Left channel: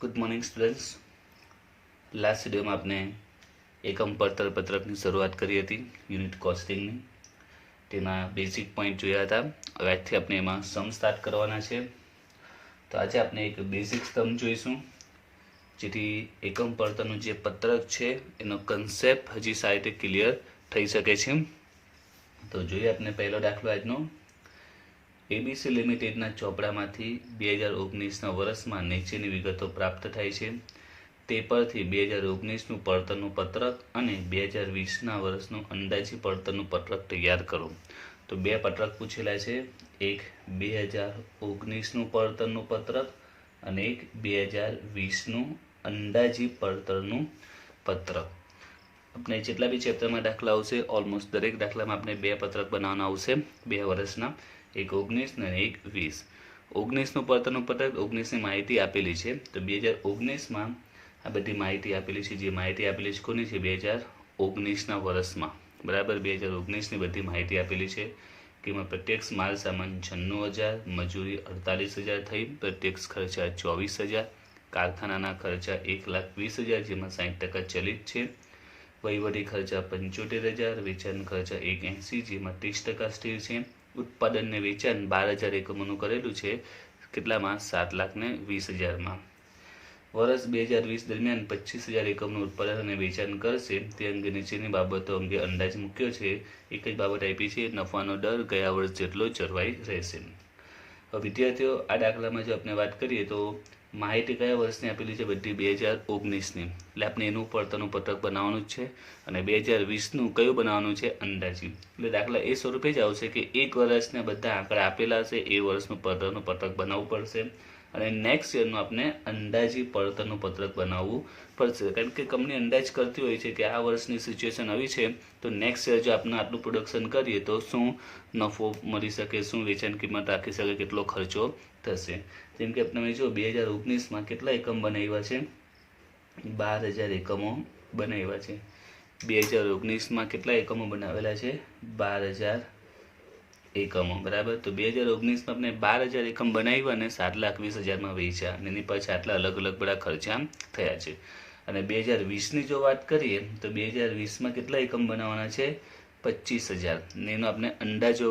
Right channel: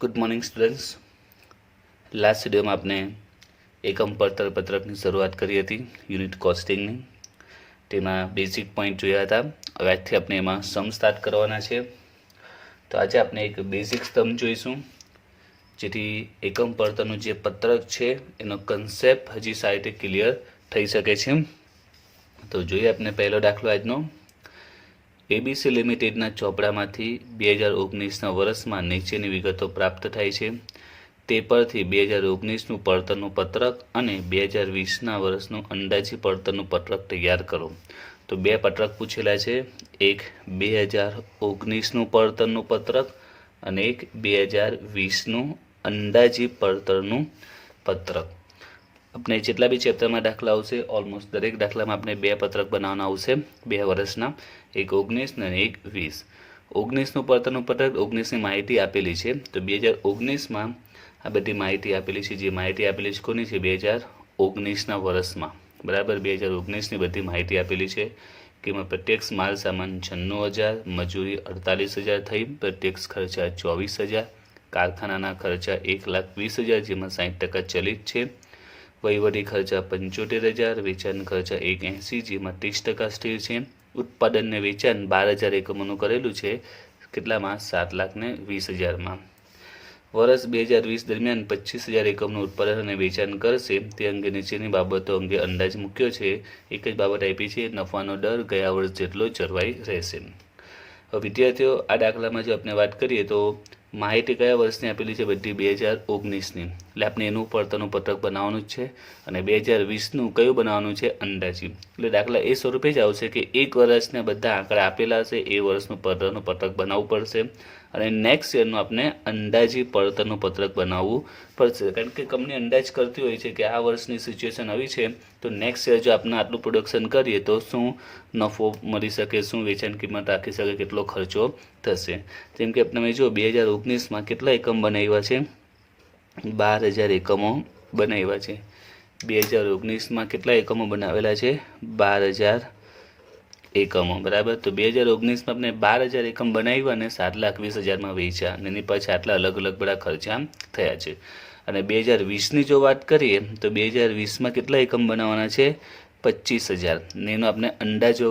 Good morning students. Last વિડીયોમાં આપણે એકમ પડતર પત્રકની શરૂઆત કરી હતી, યુનિટ કોસ્ટિંગની. તેમાં બેઝિક પોઈન્ટ જોયા હતા. હવે આજથી આપણે એમાં સમ સ્ટાર્ટ કરવાના છે. તો આજે આપણે એક બેઝિક સમ જોઈશું, જેથી એકમ પડતરનું જે પત્રક છે એનો કન્સેપ્ટ હજી સારી રીતે ક્લિયર થઈ શકે છે. તો જોઈએ આપણે પહેલો દાખલો આજનો. એબીસી લિમિટેડના ચોપડામાંથી 2019ના વર્ષમાં નીચેની વિગતો પ્રાપ્ત થાય છે. તે પરથી 2019નું પડતરનું પત્રક અને 2020ના વર્ષનું અંદાજી પડતરનું પત્રક તૈયાર કરો. તો બે પત્રક પૂછેલા છે, એક 2019નું પડતરનું પત્રક અને એક 2020નું અંદાજી પડતરનું પત્રક. આપણે જેટલા બી ચેપ્ટરમાં દાખલા આવશે, ઓલમોસ્ટ દરેક દાખલામાં આપણે બે પત્રક બનાવવાના આવશે, 2 વર્ષના, એક 19 અને એક 20. 19નું પડતરનું પત્રક, 19ની માહિતી આપેલી છે. તો 2019માં આ બધી માહિતી આપેલી છે. જે માહિતી આપેલી છે કોની છે? 2019ના વર્ષમાં, બરાબર. 2019ની બધી માહિતી આપેલી છે. કિંમત પ્રત્યક્ષ માલ સામાન 96,000, મજૂરી 48,000 થઈ, પ્રત્યક્ષ ખર્ચા 24,000, કારખાનાના ખર્ચા 1,20,000, જેમાં 60% ચલિત છે, વહીવટી ખર્ચા 75,000, વેચાણ ખર્ચા 180, જેમાં 30% સ્થિર છે. ઉત્પાદન ને વેચાણ 12,000 એકમોનું કરેલું છે. કેટલામાં? 7,20,000માં. વર્ષ 2020 દરમિયાન 25,000 એકમનું ઉત્પાદન અને વેચાણ કરશે. તે અંગે નીચેની બાબતો અંગે અંદાજ મૂક્યો છે. એક જ બાબત આપી છે, નફાનો દર ગયા વર્ષ જેટલો જળવાઈ રહેશે. વિદ્યાર્થીઓ, આ દાખલામાં જો આપણે વાત કરીએ તો માહિતી કયા વર્ષની આપેલી છે? બધી 2019ની. એટલે આપણે એનું પડતરનું પત્રક બનાવવાનું જ છે. અને 2020નું કયું બનાવવાનું છે? અંદાજી. એટલે દાખલા એ સ્વરૂપે જ આવશે કે એક વર્ષના બધા આંકડા આપેલા હશે, એ વર્ષનું પડતરનું પત્રક બનાવવું પડશે. અને નેક્સ્ટ યરનું આપણે અંદાજી પડતરનું પત્રક બનાવવું પડશે. કારણ કે કંપની અંદાજ કરતી હોય છે કે આ વર્ષની સિચ્યુએશન આવી છે, તો નેક્સ્ટ યર જો આપણે આટલું પ્રોડક્શન કરીએ તો શું નફો મળી શકે, શું વેચાણ કિંમત રાખી શકે, કેટલો ખર્ચો થશે. જેમ કે તમે જો 2019માં કેટલા એકમ બનાવ્યા છે? 12,000 એકમો બનાવ્યા છે. 2019માં કેટલા એકમો બનાવેલા છે? 12,000 એકમો, બરાબર. તો 2019માં આપણે 12,000 એકમ બનાવ્યા અને 7,20,000માં વેચ્યા, અને એની પાછળ આટલા અલગ અલગ બધા ખર્ચા થયા છે. અને 2020ની જો વાત કરીએ તો 2020માં કેટલા એકમ બનાવવાના છે? 25,000, ને એનો આપણે અંદાજો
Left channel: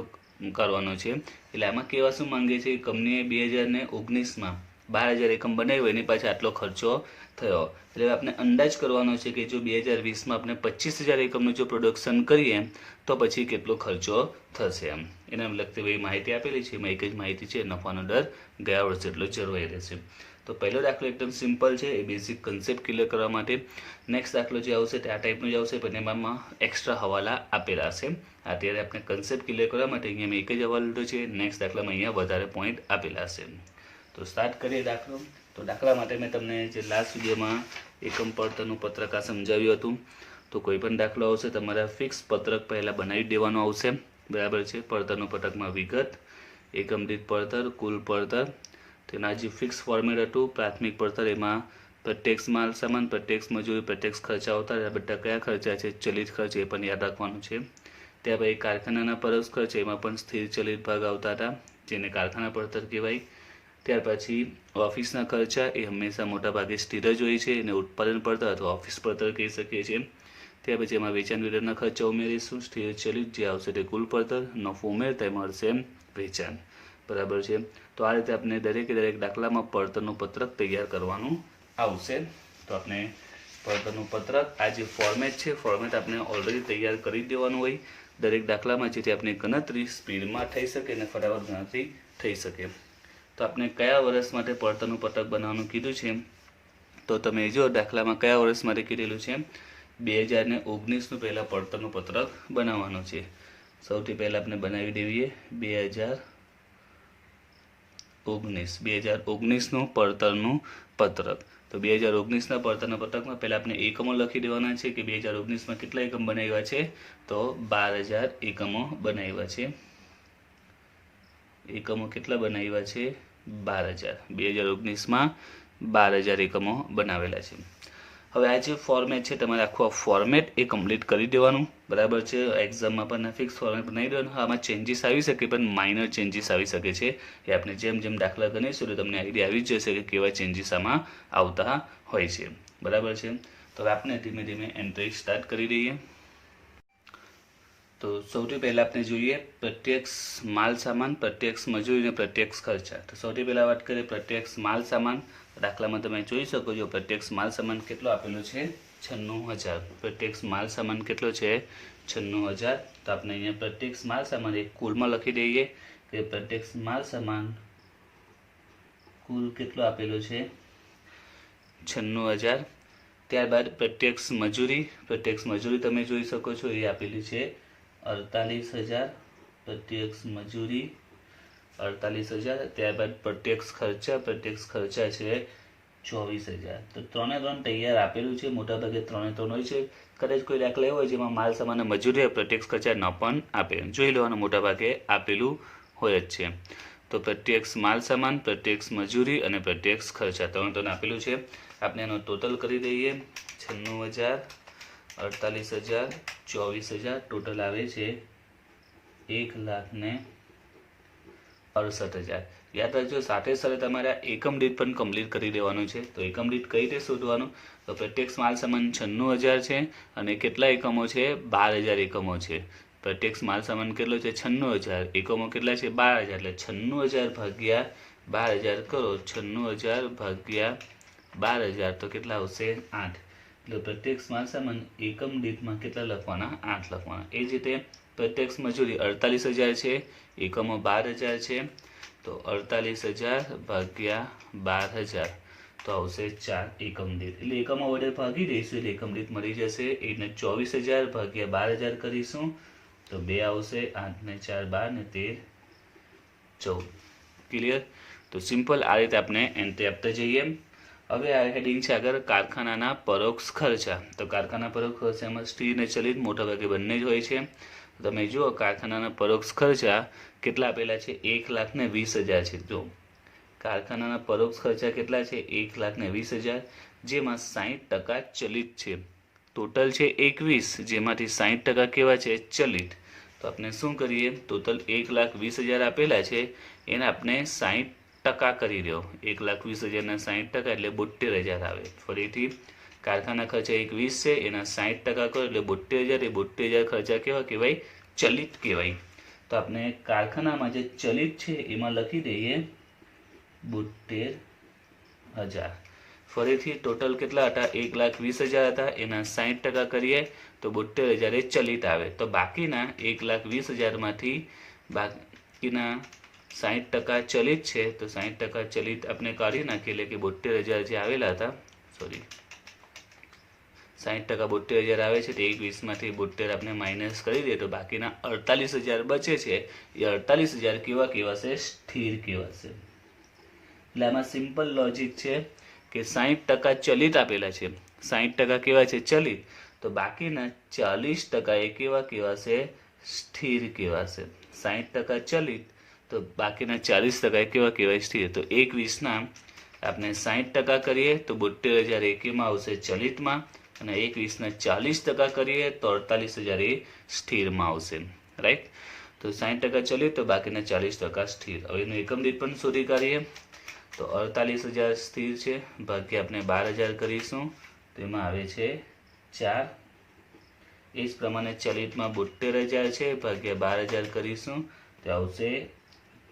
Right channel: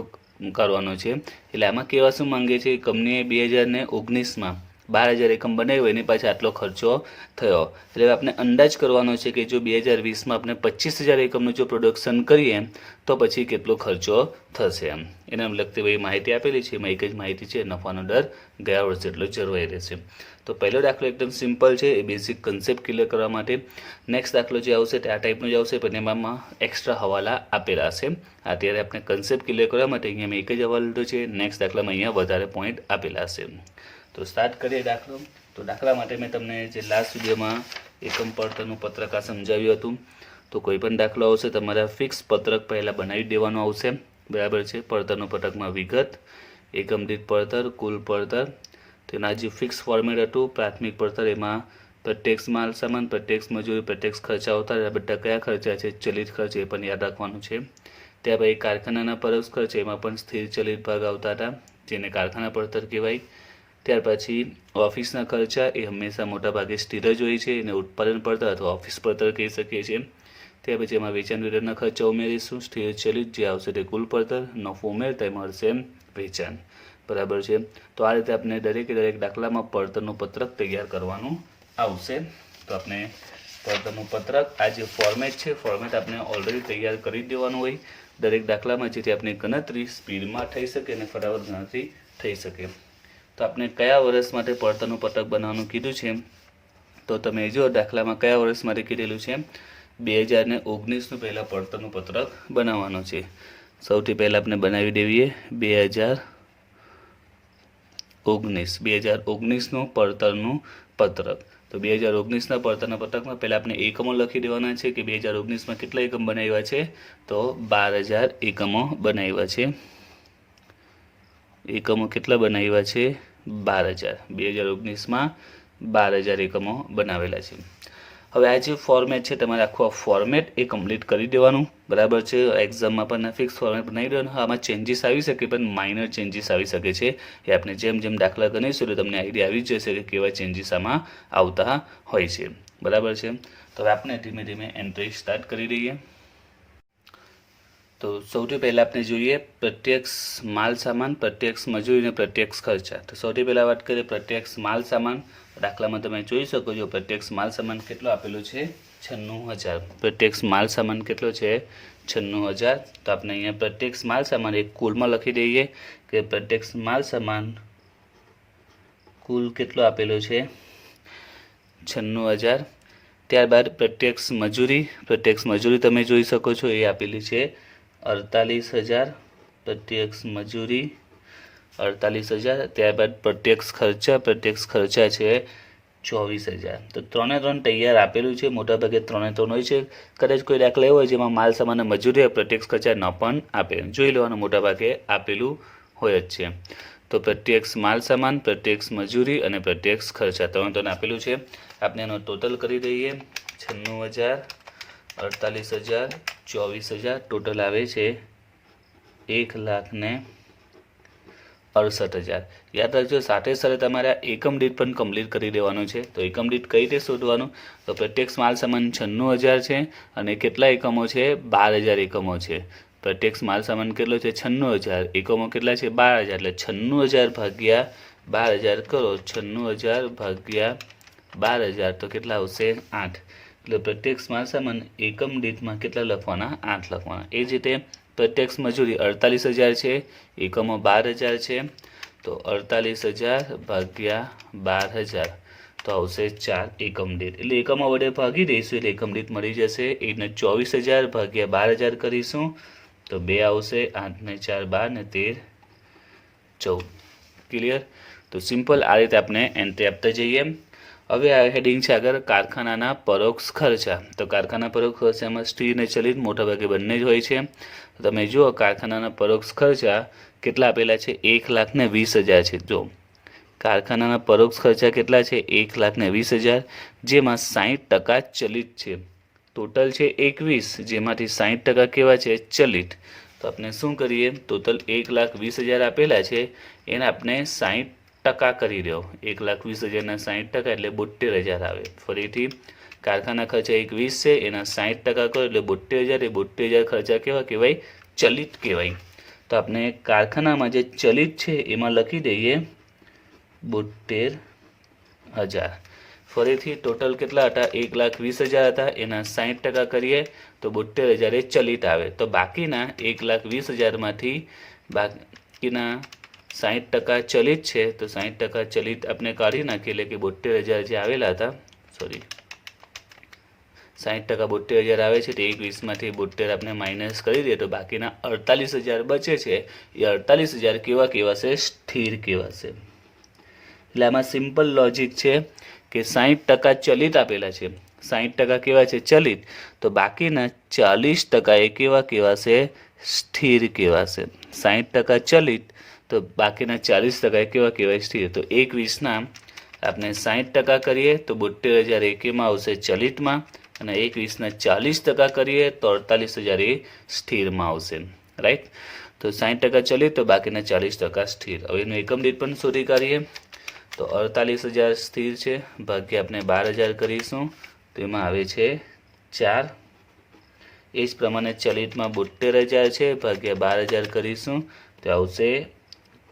કરવાનો છે. એટલે આમાં કહેવા શું માંગે છે? કંપનીએ 2019માં 12,000 એકમ બનાવ્યો, એની પાછળ આટલો ખર્ચો થયો. એટલે આપણે અંદાજ કરવાનો છે કે જો 2020માં આપણે 25,000 એકમનું જો પ્રોડક્શન કરીએ તો પછી કેટલો ખર્ચો થશે. એમ એના લગતી ભાઈ માહિતી આપેલી છે. એમાં એક જ માહિતી છે, નફાનો દર ગયા વર્ષ જેટલો જળવાઈ રહેશે. તો પહેલો દાખલો એકદમ સિમ્પલ છે, એ બેઝિક કન્સેપ્ટ ક્લિયર કરવા માટે. નેક્સ્ટ દાખલો જે આવશે તે આ ટાઈપનો જ આવશે, પણ એમાં એક્સ્ટ્રા હવાલા આપેલા હશે. અત્યારે આપણે કન્સેપ્ટ ક્લિયર કરવા માટે અહીંયા મેં એક જ હવાલો લીધો છે. નેક્સ્ટ દાખલામાં અહીંયા વધારે પોઈન્ટ આપેલા હશે. તો સ્ટાર્ટ કરીએ દાખલો. તો દાખલા માટે મેં તમને જે લાસ્ટ વિડીયોમાં એકમ પડતરનું પત્રક આ સમજાવ્યું હતું. તો કોઈ પણ દાખલો આવશે તમારે ફિક્સ પત્રક પહેલાં બનાવી દેવાનું આવશે, બરાબર છે. પડતરનું પત્રકમાં વિગત, એકમ દીઠ પડતર, કુલ પડતર, તેના જે ફિક્સ ફોર્મેટ હતું. પ્રાથમિક પડતર, એમાં પ્રત્યક્ષ માલ સામાન, પ્રત્યક્ષ મજૂરી, પ્રત્યક્ષ ખર્ચા આવતા રહ્યા. બધા કયા ખર્ચા છે? ચલિત ખર્ચ, એ પણ યાદ રાખવાનું છે. ત્યાર પછી કારખાનાના પરોક્ષ ખર્ચ, એમાં પણ સ્થિર ચલિત ભાગ આવતા હતા, જેને કારખાના પડતર કહેવાય. ત્યાર પછી ઓફિસના ખર્ચા, એ હંમેશા મોટાભાગે સ્થિર જ હોય છે, એને ઉત્પાદન પડતર અથવા ઓફિસ પડતર કહી શકીએ છીએ. ત્યાર પછી એમાં વેચાણ વિતરણના ખર્ચા ઉમેરીશું. સ્થિર ચલિત જે આવશે તે કુલ પડતર, નફો ઉમેરતા મળશે વેચાણ, બરાબર છે. તો આ રીતે આપણે દરેકે દરેક દાખલામાં પડતરનું પત્રક તૈયાર કરવાનું આવશે. તો આપણે પડતરનું પત્રક, આ જે ફોર્મેટ છે, ફોર્મેટ આપણે ઓલરેડી તૈયાર કરી દેવાનું હોય દરેક દાખલામાં, જેથી આપણી ગણતરી સ્પીડમાં થઈ શકે અને ફટાફટ ગણતરી થઈ શકે. તો આપણે કયા વર્ષ માટે પડતરનું પત્રક બનાવવાનું કીધું છે? તો તમે જો દાખલામાં કયા વર્ષ માટે કીધેલું છે? 2019નું પહેલાં પડતરનું પત્રક બનાવવાનું છે. સૌથી પહેલાં આપણે બનાવી દેવીએ 2019નું પડતરનું પત્રક. તો 2019ના પડતરના પત્રકમાં પહેલાં આપણે એકમો લખી દેવાના છે કે 2019માં કેટલા એકમ બનાવ્યા છે? તો 12,000 એકમો બનાવ્યા છે. એકમો કેટલા બનાવ્યા છે? 12,000. 2019માં 12,000 એકમો બનાવેલા છે. હવે આ જે ફોર્મેટ છે તમારે આખું આ ફોર્મેટ એ કમ્પ્લીટ કરી દેવાનું, બરાબર છે. એક્ઝામમાં પણ ફિક્સ ફોર્મેટ બનાવી દેવાનું. આમાં ચેન્જીસ આવી શકે પણ માઇનર ચેન્જીસ આવી શકે છે. એ આપણે જેમ જેમ દાખલા ગણીશું એટલે તમને આઈડિયા આવી જશે કે કેવા ચેન્જીસ આમાં આવતા હોય છે, બરાબર છે. તો હવે આપણે ધીમે ધીમે એન્ટ્રી સ્ટાર્ટ કરી દઈએ. તો સૌથી પહેલાં આપણે જોઈએ પ્રત્યક્ષ માલ સામાન, પ્રત્યક્ષ મજૂરી અને પ્રત્યક્ષ ખર્ચા. તો સૌથી પહેલાં વાત કરીએ પ્રત્યક્ષ માલ સામાન. દાખલામાં તમે જોઈ શકો છો પ્રત્યક્ષ માલ સામાન કેટલો આપેલો છે, 96,000. પ્રત્યક્ષ માલ સામાન કેટલો છે, 96,000. તો આપણે અહીંયા પ્રત્યક્ષ માલ સામાન એક કુલમાં લખી દઈએ કે પ્રત્યક્ષ માલ સામાન કુલ કેટલો આપેલો છે, 96,000. ત્યારબાદ પ્રત્યક્ષ મજૂરી તમે જોઈ શકો છો એ આપેલી છે 48,000. પ્રત્યક્ષ મજૂરી 48,000. ત્યારબાદ પ્રત્યક્ષ ખર્ચા છે 24,000. તો 3 તૈયાર આપેલું છે. મોટાભાગે 3 હોય છે. કદાચ કોઈ દાખલા એવો હોય જેમાં માલ સામાન મજૂરી પ્રત્યક્ષ ખર્ચા ન પણ આપે, જોઈ લેવાનું, મોટાભાગે આપેલું હોય જ છે. તો પ્રત્યક્ષ માલ સામાન, પ્રત્યક્ષ મજૂરી અને પ્રત્યક્ષ ખર્ચા 3 આપેલું છે. આપણે એનો ટોટલ કરી દઈએ. 96,000, 48,000, 24,000. ટોટલ આવે છે 1,68,000. યાદ રાખજો સાથે સાથે તમારે એકમ દીઠ પણ કમ્પ્લીટ કરી દેવાનું છે. તો એકમ દીઠ કઈ રીતે શોધવાનું? તો પ્રત્યક્ષ માલ સામાન 96,000 છે અને કેટલા એકમો છે, 12,000 એકમો છે. પ્રત્યક્ષ માલ સામાન કેટલો છે, 96,000. એકમો કેટલા છે, 12,000. એટલે 96,000 ભાગ્યા 12,000 કરો. 96,000 ભાગ્યા 12,000 તો કેટલા આવશે, 8. એટલે પ્રત્યક્ષ માલ સામાન એકમ દીઠમાં કેટલા લખવાના, 8 લખવાના. એ જ રીતે પ્રત્યક્ષ મજૂરી 48,000 છે, એકમો 12,000 છે. તો 48,000 ભાગ્યા 12,000 તો આવશે 4 એકમ દીઠ. એટલે એકમો વડે ભાગી દઈશું એટલે એકમ દીઠ મળી જશે. એને 24,000 ભાગ્યા 12,000 કરીશું તો 2 આવશે. 8 ને 4 12 ને 13 14. ક્લિયર? તો સિમ્પલ આ રીતે આપણે એન્ટ્રી આપતા જઈએ. હવે આ હેડિંગ છે આગળ કારખાનાના પરોક્ષ ખર્ચા. તો કારખાના પરોક્ષ ખર્ચામાં સ્થિર અને ચલિત મોટાભાગે બંને જ હોય છે. તમે જુઓ કારખાનાના પરોક્ષ ખર્ચા કેટલા આપેલા છે, 1,20,000 છે. જો કારખાનાના પરોક્ષ ખર્ચા કેટલા છે, 1,20,000, જેમાં 60% ચલિત છે. ટોટલ છે 21, જેમાંથી 60% કેવા છે, ચલિત. તો આપણે શું કરીએ, ટોટલ 1,20,000 આપેલા છે એને આપણે 60% કરી દો. 1,20,000 ના 60% એટલે 72,000 આવે. ફરીથી કારખાના ખર્ચા 21 છે, એના 60% કરો એટલે 72,000. એ 72,000 ખર્ચા કેવા કહેવાય, ચલિત કહેવાય. તો આપણે કારખાનામાં જે ચલિત છે એમાં લખી દઈએ 72,000. ફરીથી ટોટલ કેટલા હતા, 1,20,000 હતા, એના 60% કરીએ તો 72,000 એ ચલિત આવે. તો બાકીના 1,20,000માંથી બાકીના 60% ચલિત છે. તો 60% ચલિત આપણે કાઢી નાખીએ એટલે કે 72,000 જે આવેલા હતા, 60% 72,000 આવે છે. તો 1,20,000માંથી 72 આપણે માઇનસ કરી દઈએ તો બાકીના 48,000 બચે છે. એ 48,000 કેવા કહેવાશે, સ્થિર કહેવાશે. એટલે આમાં સિમ્પલ લોજિક છે કે 60% ચલિત આપેલા છે, 60% કેવા છે, ચલિત. તો બાકીના 40% એ કેવા કહેવાશે, સ્થિર કહેવાશે. 60% ચલિત તો બાકીના 40% કેવા કહેવાય, સ્થિર. તો 1,20,000ના આપણે 60% કરીએ તો 72,000 એ કેમાં આવશે, ચલિતમાં. અને 1,20,000ના 40% કરીએ તો 48,000 એ સ્થિરમાં આવશે. રાઈટ? તો 60% ચલિત તો બાકીના 40% સ્થિર. હવે એનું એકમ દીઠ પણ શોધી કાઢીએ. તો 48,000 સ્થિર છે ભાગ્યા આપણે 12,000 કરીશું તો એમાં આવે છે 4. એ જ પ્રમાણે ચલિતમાં 72,000 છે ભાગ્યા 12,000 કરીશું તો આવશે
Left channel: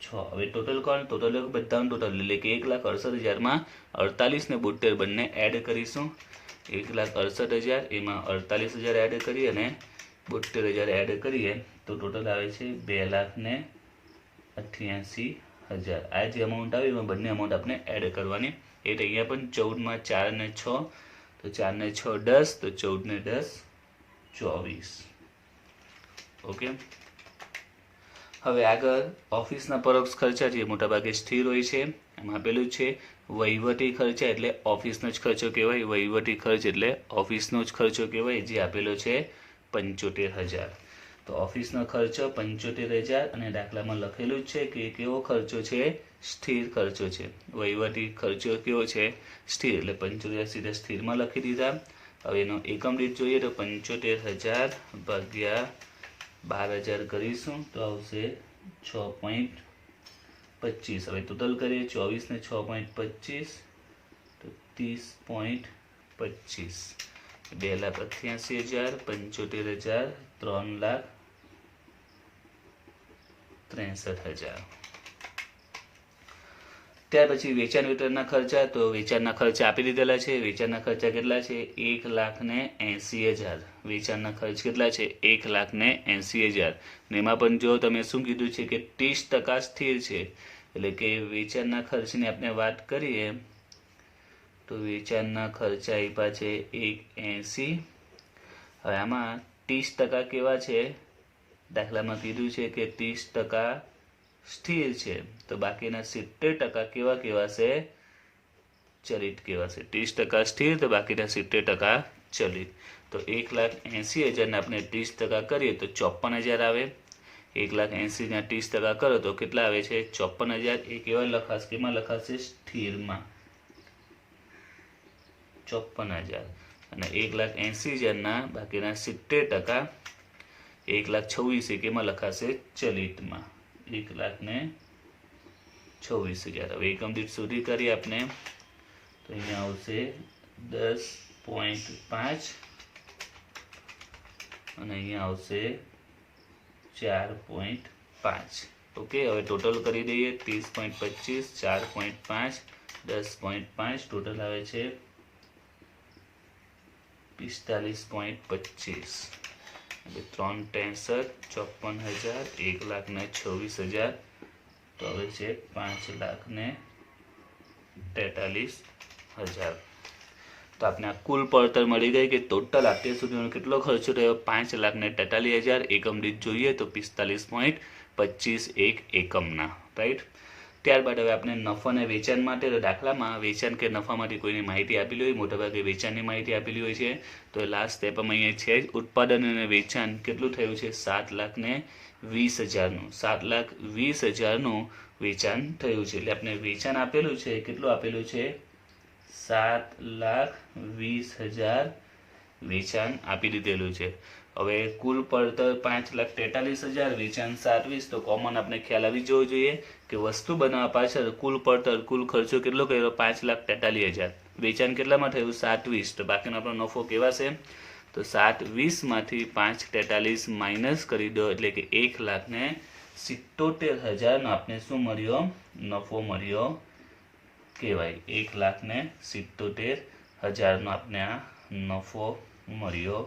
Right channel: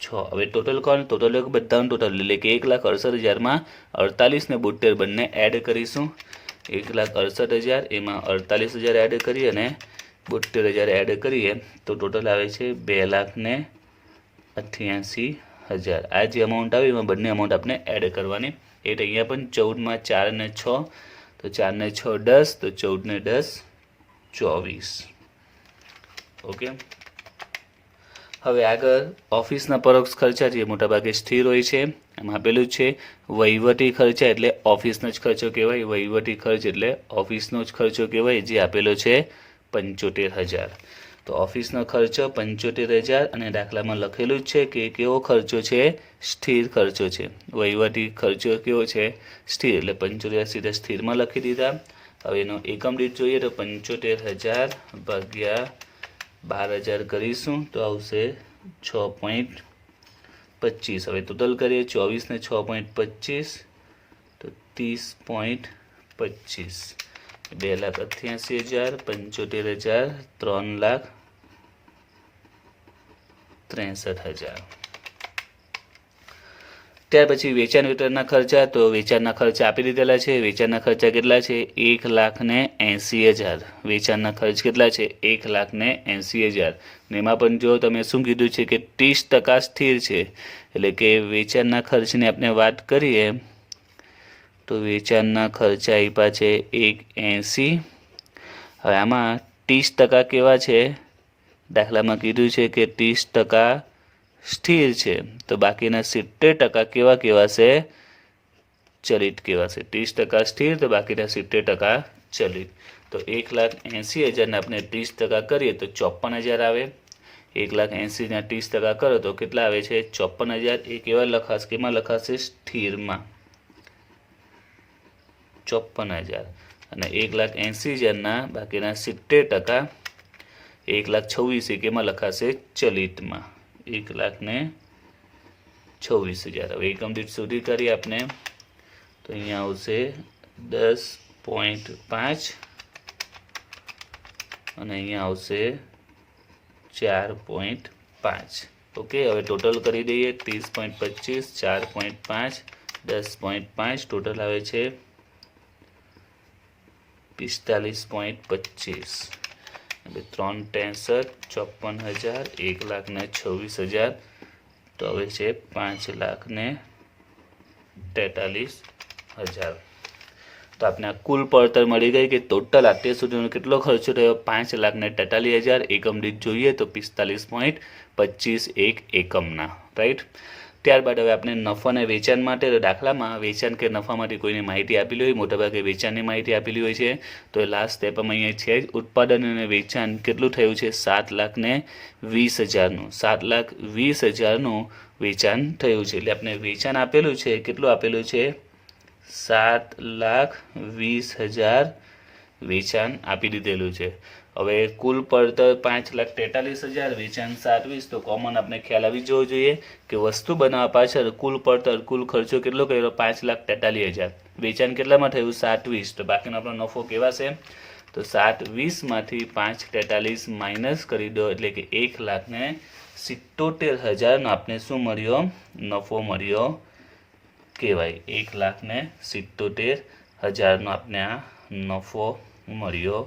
6. હવે ટોટલ કોણ, ટોટલ બધાનું ટોટલ એટલે કે 1,68,000માં 48 ને 72 બંને એડ કરીશું. 1,68,000 એમાં 48,000 એડ કરી અને 72,000 એડ કરીએ તો ટોટલ આવે છે 2,88,000. આ જે અમાઉન્ટ આવે એમાં બંને અમાઉન્ટ આપણે એડ કરવાની. એટલે અહીંયા પણ 14માં 4 ને 6 તો 4 ને 6 10 તો 14 ને 10 24. ઓકે. હવે આગળ ઓફિસના પરોક્ષ ખર્ચા જે મોટાભાગે સ્થિર હોય છે. એમાં આપેલું છે વહીવટી ખર્ચા એટલે ઓફિસનો જ ખર્ચો કહેવાય. વહીવટી ખર્ચ એટલે ઓફિસનો જ ખર્ચો કહેવાય, જે આપેલો છે 75,000. તો ઓફિસનો ખર્ચો 75,000 અને દાખલામાં લખેલું જ છે કે કેવો ખર્ચો છે, સ્થિર ખર્ચો છે. વહીવટી ખર્ચો કેવો છે, સ્થિર, એટલે 75,000 સીધા સ્થિરમાં લખી દીધા. હવે એનો એકમ દીઠ જોઈએ તો 75,000 ભાગ્યા 12,000 કરીશું તો આવશે 6.25. હવે ટોટલ કરીએ 24 ને 6.25 તો 30.25. 2,88,000 75,000 3,63,000. ત્યાર પછી વેચાણ વિતરણના ખર્ચા. તો વેચાણના ખર્ચા આપી દીધેલા છે. વેચાણના ખર્ચા કેટલા છે, 1,80,000. વેચાણના ખર્ચ કેટલા છે, 1,80,000. ને એમાં પણ જો તમે શું કીધું છે કે 30% સ્થિર છે, એટલે કે વેચાણના ખર્ચની આપણે વાત કરીએ તો વેચાણના ખર્ચા આપ્યા છે 180. હવે આમાં 30% કેવા છે, દાખલામાં કીધું છે કે 30% સ્થિર છે, તો બાકીના 70% કેવા કહેવાશે, ચલિત કહેવાશે. 30% સ્થિર તો બાકીના 70% ચલિત. તો 1,80,000 ને આપણે 30% કરીએ તો 54,000 આવે. 1,80,000 ના 30% કરો તો કેટલા આવે છે, 54,000. એ કેવા લખાશે, કેમાં લખાશે, સ્થિરમાં 54,000. અને 1,80,000 ના બાકીના 70%, 1,26,000 એ કેમાં લખાશે, ચલિતમાં 1,26,000. હવે એકમ દીઠ સુધી કરીએ આપણે તો અહીંયા આવશે 10.5 અને અહીંયા આવશે 4.5. ઓકે, હવે ટોટલ કરી દઈએ 30.25 4.5 10.5 ટોટલ આવે છે 45.25. 3,63,000 54,000 1,26,000 તો હવે છે 5,43,000. તો આપણે આ કુલ પડતર મળી ગઈ કે ટોટલ અત્યાર સુધીનો કેટલો ખર્ચો થયો, 5,43,000. એકમ દીઠ જોઈએ તો 45.25 એક એકમના, રાઈટ. ત્યારબાદ હવે આપણે નફા અને વેચાણ માટે, દાખલામાં વેચાણ કે નફા માટે કોઈની માહિતી આપેલી હોય, મોટાભાગે વેચાણની માહિતી આપેલી હોય છે. તો એ લાસ્ટ સ્ટેપમાં અહીંયા છે જ ઉત્પાદન અને વેચાણ કેટલું થયું છે, 7,20,000નું 7,20,000નું વેચાણ થયું છે. એટલે આપણે વેચાણ આપેલું છે, કેટલું આપેલું છે, 7,20,000 વેચાણ આપી દીધેલું છે. હવે કુલ પડતર 5,43,000 વેચાણ 7,20. તો કોમન આપણે ખ્યાલ આવી જવો જોઈએ કે વસ્તુ બનાવવા પાછળ કુલ પડતર કુલ ખર્ચો કેટલો કર્યો, 5,43,000. વેચાણ કેટલામાં થયું, 7,20. તો બાકીનો આપણો નફો કેવાશે, તો 7,20માંથી 5,43 માઇનસ કરી દો એટલે કે 1,77,000નો આપણે શું મળ્યો, નફો મળ્યો કહેવાય. 1,77,000નો આપણે આ નફો મળ્યો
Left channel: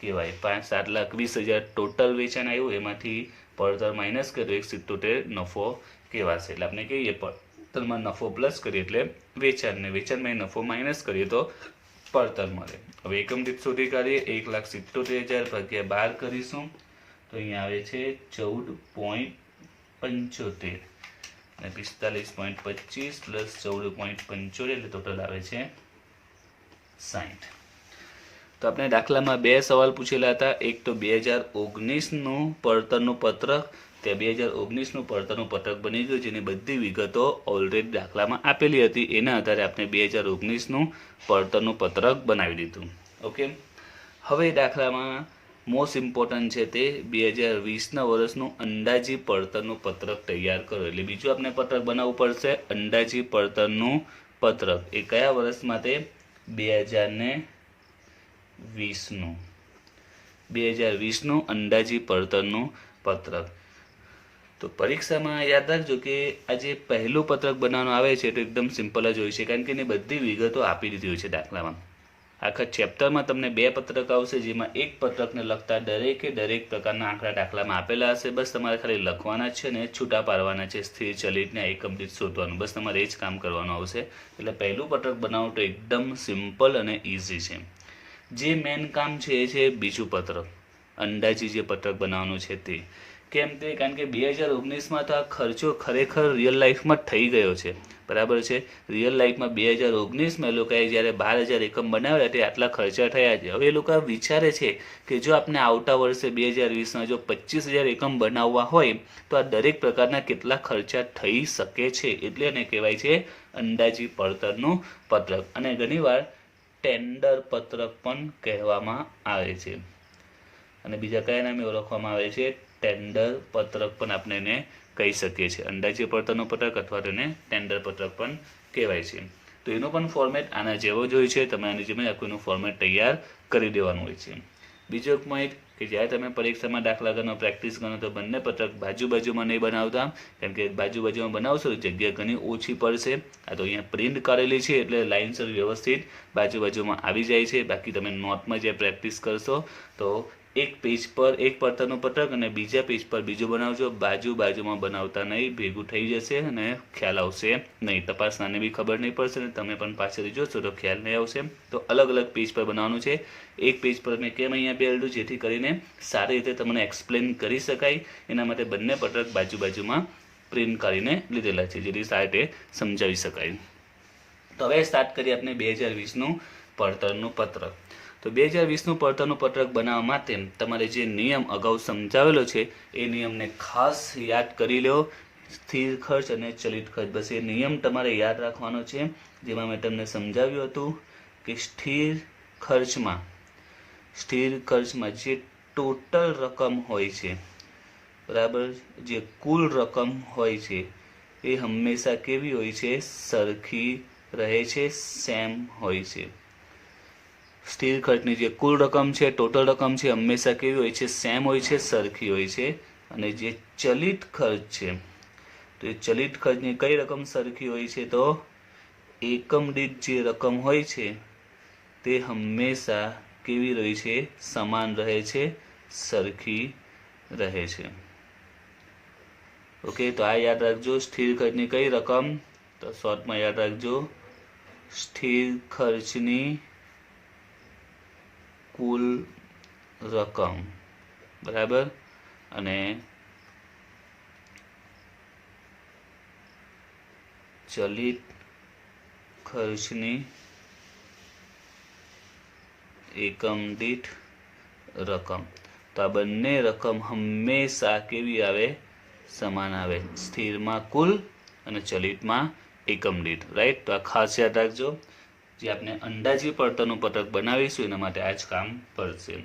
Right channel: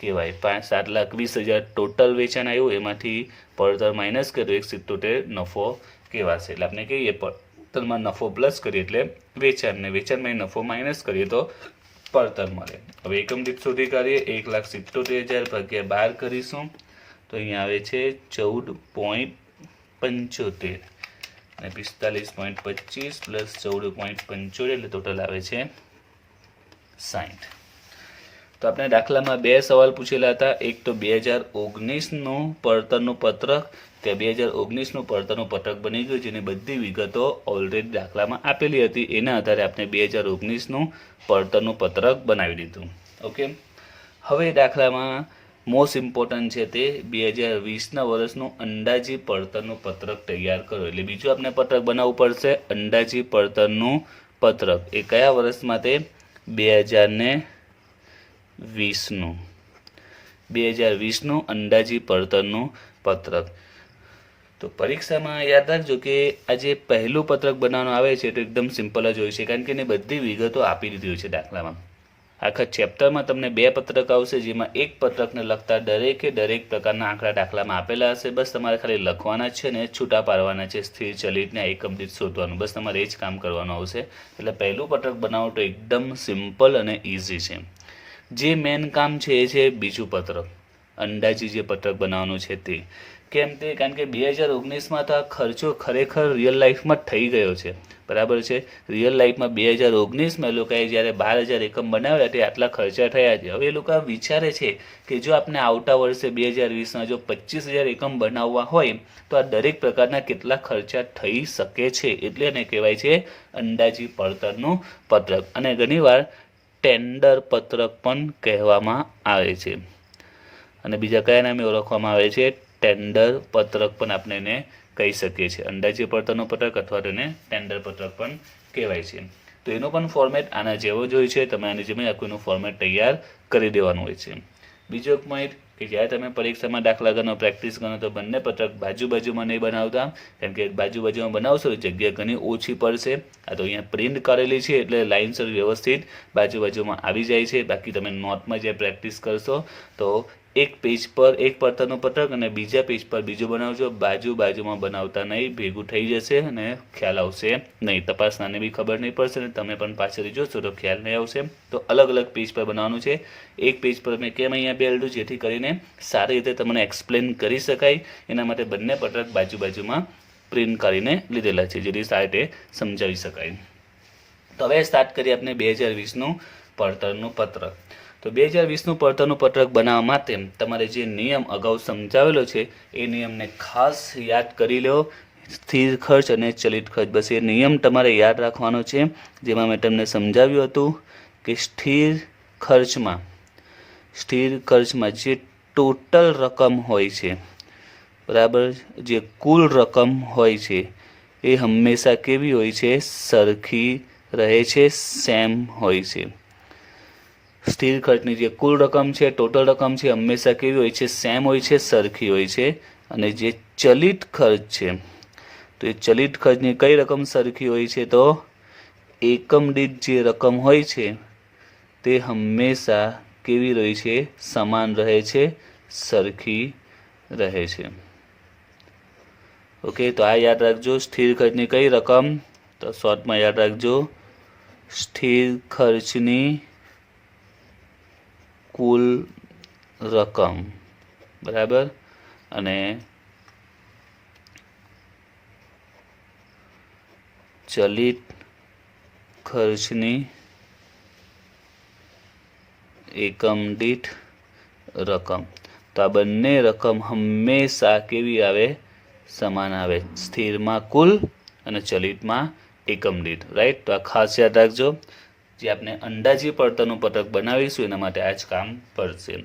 કહેવાય. 7,20,000 ટોટલ વેચાણ આવ્યું, એમાંથી પડતર માઇનસ કર્યો 1,77 નફો કહેવાશે. એટલે આપણે કહીએ પડતરમાં નફો પ્લસ કરીએ એટલે વેચાણ, ને વેચાણમાં નફો માઇનસ કરીએ તો પડતર મળે. હવે એકમ દીઠ સુધી કરીએ 1,77,000 ભાગ્યા 12 કરીશું તો અહીંયા આવે છે 14.75 અને 45.25 પ્લસ 14.75 એટલે ટોટલ આવે છે 60. તો આપણે દાખલામાં બે સવાલ પૂછેલા હતા. એક તો 2019નું પડતરનું પત્રક, કે 2019નું પડતરનું પત્રક બની ગયું, જેની બધી વિગતો ઓલરેડી દાખલામાં આપેલી હતી. એના આધારે આપણે 2019નું પડતરનું પત્રક બનાવી દીધું. ઓકે, હવે દાખલામાં મોસ્ટ ઇમ્પોર્ટન્ટ છે તે 2020ના વર્ષનું અંદાજી પડતરનું પત્રક તૈયાર કરો. એટલે બીજું આપણે પત્રક બનાવવું પડશે, અંદાજી પડતરનું પત્રક. એ કયા વર્ષમાં, તે 2020નું અંદાજી પડતરનું પત્રક. તો પરીક્ષામાં યાદ રાખજો કે આ જે પહેલું પત્રક બનાવવાનું આવે છે તો એકદમ સિમ્પલ જ હોય છે, કારણ કે એની બધી વિગતો આપી દીધી હોય છે દાખલામાં. આખા ચેપ્ટરમાં તમને બે પત્રક આવશે, જેમાં એક પત્રકને લગતા દરેક પ્રકારના આંકડા દાખલામાં આપેલા હશે. બસ તમારે ખાલી લખવાના છે ને છૂટા પાડવાના છે, સ્થિર ચલિતને એકમ દીઠ શોધવાનું, બસ તમારે એ જ કામ કરવાનું આવશે. એટલે પહેલું પત્રક બનાવવું તો એકદમ સિમ્પલ અને ઇઝી છે. જે મેન કામ છે એ છે બીજું પત્રક, અંદાજી જે પત્રક બનાવવાનું છે તે. કેમ તે, કારણ કે 2019માં તો આ ખર્ચો ખરેખર રિયલ લાઈફમાં થઈ ગયો છે. બરાબર છે. રિયલ લાઈફમાં 2019માં એ લોકોએ જ્યારે 12,000 એકમ બનાવ્યા તે આટલા ખર્ચા થયા છે. હવે એ લોકો વિચારે છે કે જો આપણે આવતા વર્ષે 2020માં જો 25,000 એકમ બનાવવા હોય તો આ દરેક પ્રકારના કેટલા ખર્ચા થઈ શકે છે, એટલે એને કહેવાય છે અંદાજી પડતરનું પત્રક. અને ઘણીવાર ટેન્ડર પત્રક પણ કહેવામાં આવે છે. અને બીજા કયા નામે ઓળખવામાં આવે છે? ટેન્ડર પત્રક પણ આપણે એને કહી શકીએ છીએ. અંદાજે પડતરનું પત્રક અથવા તેને ટેન્ડર પત્રક પણ કહેવાય છે. તો એનો પણ ફોર્મેટ આના જેવો જ હોય છે. તમે આની જેમ આખું ફોર્મેટ તૈયાર કરી દેવાનું હોય છે. બીજો એક પોઈન્ટ કે જ્યારે તમે પરીક્ષામાં દાખલા ગણો પ્રેક્ટિસ ગણો તો બંને પત્રક બાજુમાં નહીં બનાવતા, કારણ કે બાજુમાં બનાવશો તો જગ્યા ઘણી ઓછી પડશે. આ તો અહીંયા પ્રિન્ટ કરેલી છે એટલે લાઇનસર વ્યવસ્થિત બાજુમાં આવી જાય છે. બાકી તમે નોટમાં જે પ્રેક્ટિસ કરશો તો એક પેજ પર એક પડતરનું પત્રક અને બીજા પેજ પર બીજું બનાવજો. બાજુમાં બનાવતા નહીં, ભેગું થઈ જશે અને ખ્યાલ આવશે નહીં. તપાસનાને બી ખબર નહીં પડશે ને તમે પણ પાછળ જોશો તો ખ્યાલ નહીં આવશે. તો અલગ અલગ પેજ પર બનાવવાનું છે. એક પેજ પર મેં કેમ અહીંયા બેલ્ડું જેથી કરીને સારી રીતે તમને એક્સપ્લેન કરી શકાય. એના માટે બંને પત્રક બાજુમાં પ્રિન્ટ કરીને લીધેલા છે જેથી સારી રીતે સમજાવી શકાય. તો હવે સ્ટાર્ટ કરીએ આપણે 2020નું પડતરનું પત્રક. તો 2020નું પડતરનું પત્રક બનાવવા માટે તમારે જે નિયમ અગાઉ સમજાવેલો છે એ નિયમને ખાસ યાદ કરી લો. સ્થિર ખર્ચ અને ચલિત ખર્ચ, બસ એ નિયમ તમારે યાદ રાખવાનો છે. જેમાં મેં તમને સમજાવ્યું હતું કે સ્થિર ખર્ચમાં જે ટોટલ રકમ હોય છે, બરાબર, જે કુલ રકમ હોય છે એ હંમેશા કેવી હોય છે? સરખી રહે છે, સેમ હોય છે. સ્થિર ખર્ચની જે કુલ રકમ છે, ટોટલ રકમ છે, હંમેશા કેવી હોય છે? સેમ હોય છે, સરખી હોય છે. અને જે ચલિત ખર્ચ છે તો એ ચલિત ખર્ચની કઈ રકમ સરખી હોય છે? તો એકમ દીઠ જે રકમ હોય છે તે હંમેશા કેવી રહે છે? સમાન રહે છે, સરખી રહે છે. ઓકે, તો આ યાદ રાખજો. સ્થિર ખર્ચની કઈ રકમ? તો શોર્ટમાં યાદ રાખજો, સ્થિર ખર્ચની કુલ રકમ, બરાબર. અને ચલિત ખર્ચની એકમ દીઠ રકમ. તો આ બંને રકમ હંમેશા કેવી આવે? સમાન આવે. સ્થિરમાં કુલ અને ચલિતમાં એકમ દીઠ, રાઈટ. તો આ ખાસ યાદ રાખજો. જે આપણે અંદાજી પડતરનું પત્રક બનાવીશું એના માટે આ જ કામ પડશે.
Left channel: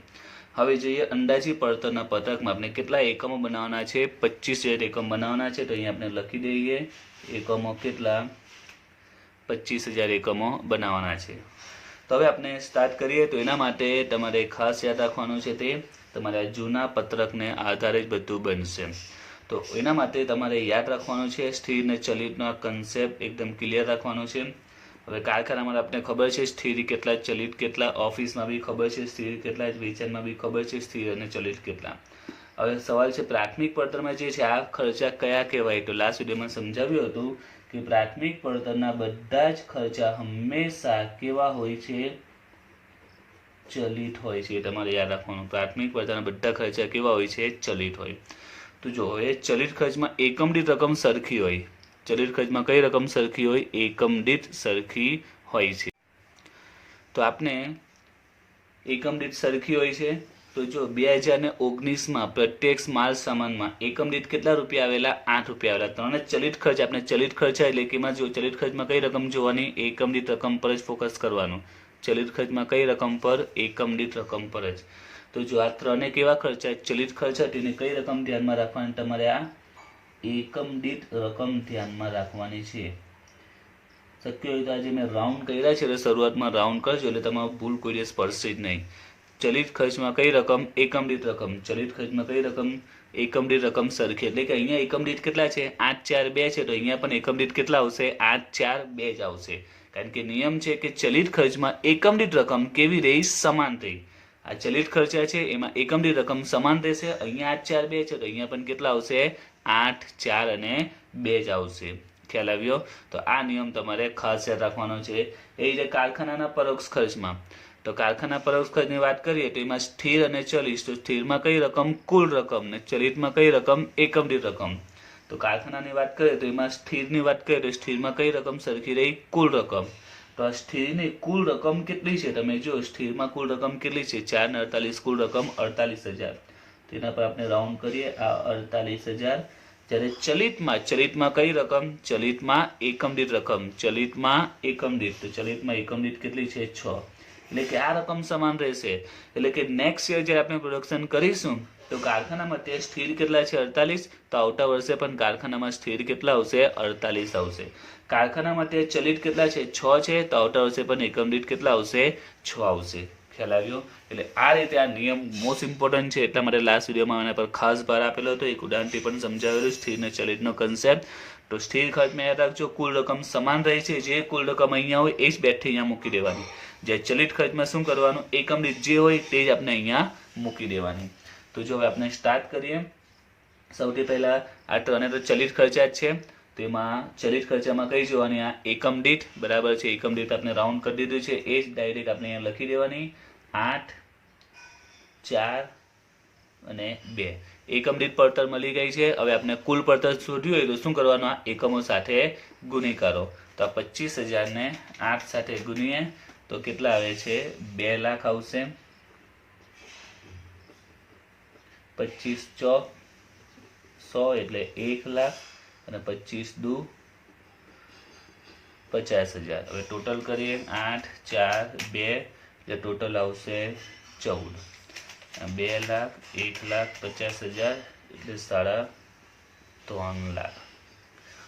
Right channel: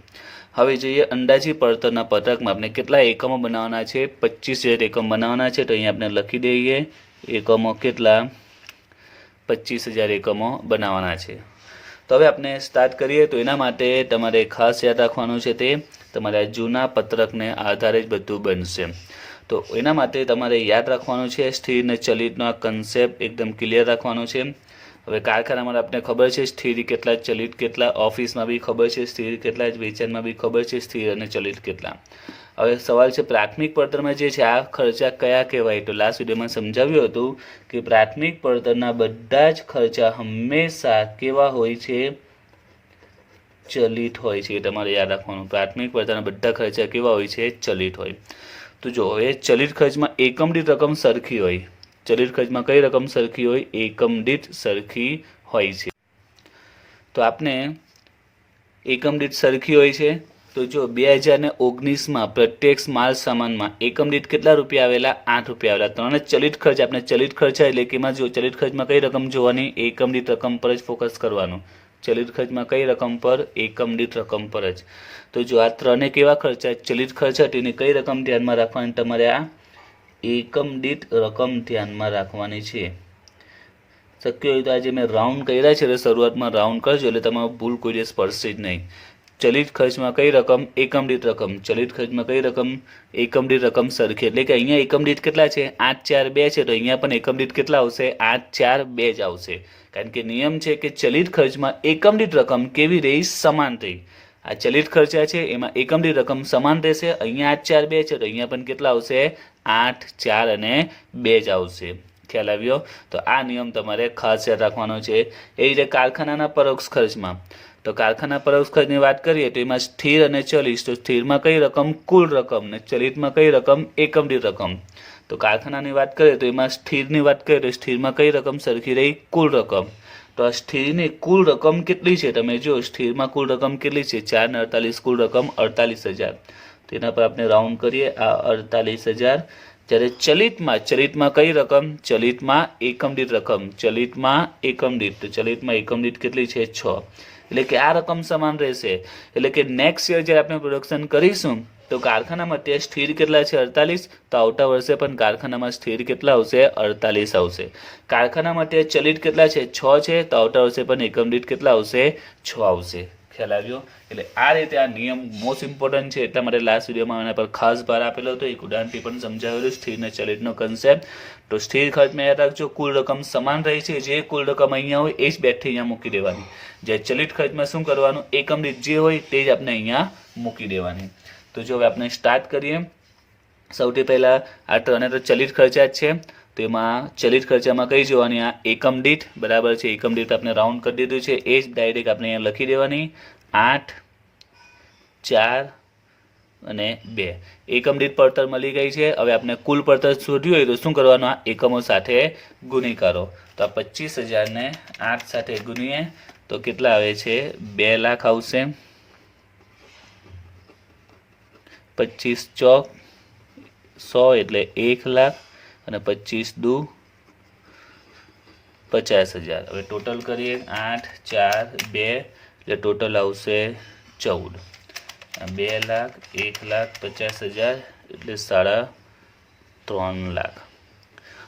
હવે જોઈએ અંદાજી પડતરના પત્રકમાં આપણે કેટલા એકમો બનાવવાના છે? 25,000 એકમ બનાવવાના છે. તો અહીંયા આપણે લખી દઈએ એકમો કેટલા? 25,000 એકમો બનાવવાના છે. તો હવે આપણે સ્ટાર્ટ કરીએ. તો એના માટે તમારે ખાસ યાદ રાખવાનું છે તે તમારા જૂના પત્રકને આધારે જ બધું બનશે. તો એના માટે તમારે યાદ રાખવાનું છે સ્થિર અને ચલિતનો આ કન્સેપ્ટ એકદમ ક્લિયર રાખવાનો છે. હવે કારખાનામાં આપણે ખબર છે સ્થિર કેટલા, ચલિત કેટલા, ઓફિસમાં બી ખબર છે સ્થિર કેટલા, વેચાણમાં બી ખબર છે સ્થિર અને ચલિત કેટલા. હવે સવાલ છે પ્રાથમિક પડતરમાં જે છે આ ખર્ચા કયા કહેવાય? તો લાસ્ટ વિડીયોમાં સમજાવ્યું હતું કે પ્રાથમિક પડતરના બધા જ ખર્ચા હંમેશા કેવા હોય છે? ચલિત હોય છે. તમારે યાદ રાખવાનું, પ્રાથમિક પડતરના બધા ખર્ચા કેવા હોય છે? ચલિત હોય. તો જો હવે ચલિત ખર્ચમાં એકમ દીઠ રકમ સરખી હોય. ચલિત ખર્ચમાં કઈ રકમ સરખી હોય? એકમ દીઠ સરખી હોય છે. તો આપણે એકમ દીઠ સરખી હોય છે. તો જો 2019માં પ્રત્યક્ષ માલ સામાનમાં એકમ દીઠ કેટલા રૂપિયા આવેલા? 8 રૂપિયા આવેલા. ત્રણે ચલિત ખર્ચ, આપણે ચલિત ખર્ચ એટલે કે એમાં જો ચલિત ખર્ચમાં કઈ રકમ જોવાની? એકમ દીઠ રકમ પર જ ફોકસ કરવાનું. ચલિત ખર્ચમાં કઈ રકમ પર? એકમ દીઠ રકમ પર જ. તો જો આ ત્રણે કેવા ખર્ચા? ચલિત ખર્ચ તેની કઈ રકમ ધ્યાનમાં રાખવાની? તમારે આ એકમ દીઠ રકમ ધ્યાનમાં રાખવાની છે. શક્ય હોય તો આજે મેં રાઉન્ડ કર્યા છે એટલે શરૂઆતમાં રાઉન્ડ કરજો એટલે તમારું ભૂલ કોઈ દિવસ પડશે જ નહીં. ચલિત ખર્ચમાં કઈ રકમ? એકમ દીઠ રકમ. ચલિત ખર્ચમાં કઈ રકમ? એકમ દીઠ રકમ સરખી. એટલે કે અહીંયા એકમ દીઠ કેટલા છે? 8, 4, 2 છે. તો અહીંયા પણ એકમ દીઠ કેટલા આવશે? 8, 4, 2 જ આવશે. કારણ કે નિયમ છે કે ચલિત ખર્ચમાં એકમ દીઠ રકમ કેવી રહી? સમાન રહી. આ ચલિત ખર્ચા છે એમાં એકમ દીઠ રકમ સમાન રહેશે. અહીંયા 8, 4, 2 છે તો અહીંયા પણ કેટલા આવશે? 8, 4 અને 2 જ આવશે. ખ્યાલ આવ્યો? તો આ નિયમ તમારે ખાસ યાદ રાખવાનો છે. એ રીતે કારખાનાના પરોક્ષ ખર્ચમાં, તો કારખાના પરોક્ષ ખર્ચની વાત કરીએ તો એમાં સ્થિર અને ચલિત. તો સ્થિરમાં કઈ રકમ? કુલ રકમ. ને ચલિતમાં કઈ રકમ? એકમ દીઠ રકમ. તો તો કારખાનાની વાત કરીએ તો એમાં સ્થિરની વાત કરીએ તો સ્થિરમાં કઈ રકમ સરખી રહી? કુલ રકમ. તો આ સ્થિરની કુલ રકમ કેટલી છે? તમે જો સ્થિરમાં કુલ રકમ કેટલી છે? 4 ને 48 કુલ રકમ 48,000. તેના પર આપણે રાઉન્ડ કરીએ, આ 48,000. જ્યારે ચલિતમાં કઈ રકમ? ચલિતમાં એકમ દીઠ રકમ. ચલિતમાં એકમ દીઠ કેટલી છે? 6. એટલે કે આ રકમ સમાન રહેશે. એટલે કે નેક્સ્ટ યર જ્યારે આપણે પ્રોડક્શન કરીશું તો કારખાનામાં તે સ્થિર કેટલા છે? 48. તો આવતા વર્ષે પણ કારખાનામાં સ્થિર કેટલા આવશે? 48 આવશે. કારખાનામાં તે ચલિત કેટલા છે? 6 છે. તો આવતા વર્ષે પણ એકમ દીઠ કેટલા આવશે? 6 આવશે. ખ્યાલ આવ્યો? એટલે આ રીતે આ નિયમ મોસ્ટ ઇમ્પોર્ટન્ટ છે, એટલા માટે લાસ્ટ વિડીયોમાં આના પર ખાસ ભાર આપેલો હતો. એક ઉદાહરણથી પણ સમજાવેલું સ્થિર ને ચલિતનો કન્સેપ્ટ. તો સ્થિર ખર્ચમાં યાદ રાખજો, કુલ રકમ સમાન રહી છે. જે કુલ રકમ અહીંયા હોય એ જ બેઠી અહીંયા મૂકી દેવાની. જે ચલિત ખર્ચમાં શું કરવાનું? એકમ દીઠ જે હોય તે જ આપણે અહીંયા મૂકી દેવાની. તો જો હવે આપણે સ્ટાર્ટ કરીએ. સૌથી પહેલા આ ત્રણે તો ચલિત ખર્ચા જ છે. તો એમાં ચલિત ખર્ચામાં કઈ જોવાની? આ એકમ દીઠ, બરાબર છે. એકમ દીઠ આપણે રાઉન્ડ કરી દીધું છે, એ જ ડાયરેક્ટ આપણે અહીંયા લખી દેવાની. 8, 4 અને 2 એકમ દીઠ પડતર મળી ગઈ છે. હવે આપણે કુલ પડતર શોધ્યું હોય તો શું કરવાનું? આ એકમો સાથે ગુણી કરો. તો આ 25,000 ને 8 સાથે ગુણીએ તો કેટલા આવે છે? 2 લાખ આવશે. 25 ચોક 100 એટલે 1 લાખ અને 25 દુ 50,000. હવે ટોટલ કરીએ 8, 4, 2 એટલે ટોટલ આવશે 14. 2 લાખ 1,50,000 એટલે 3.5 લાખ.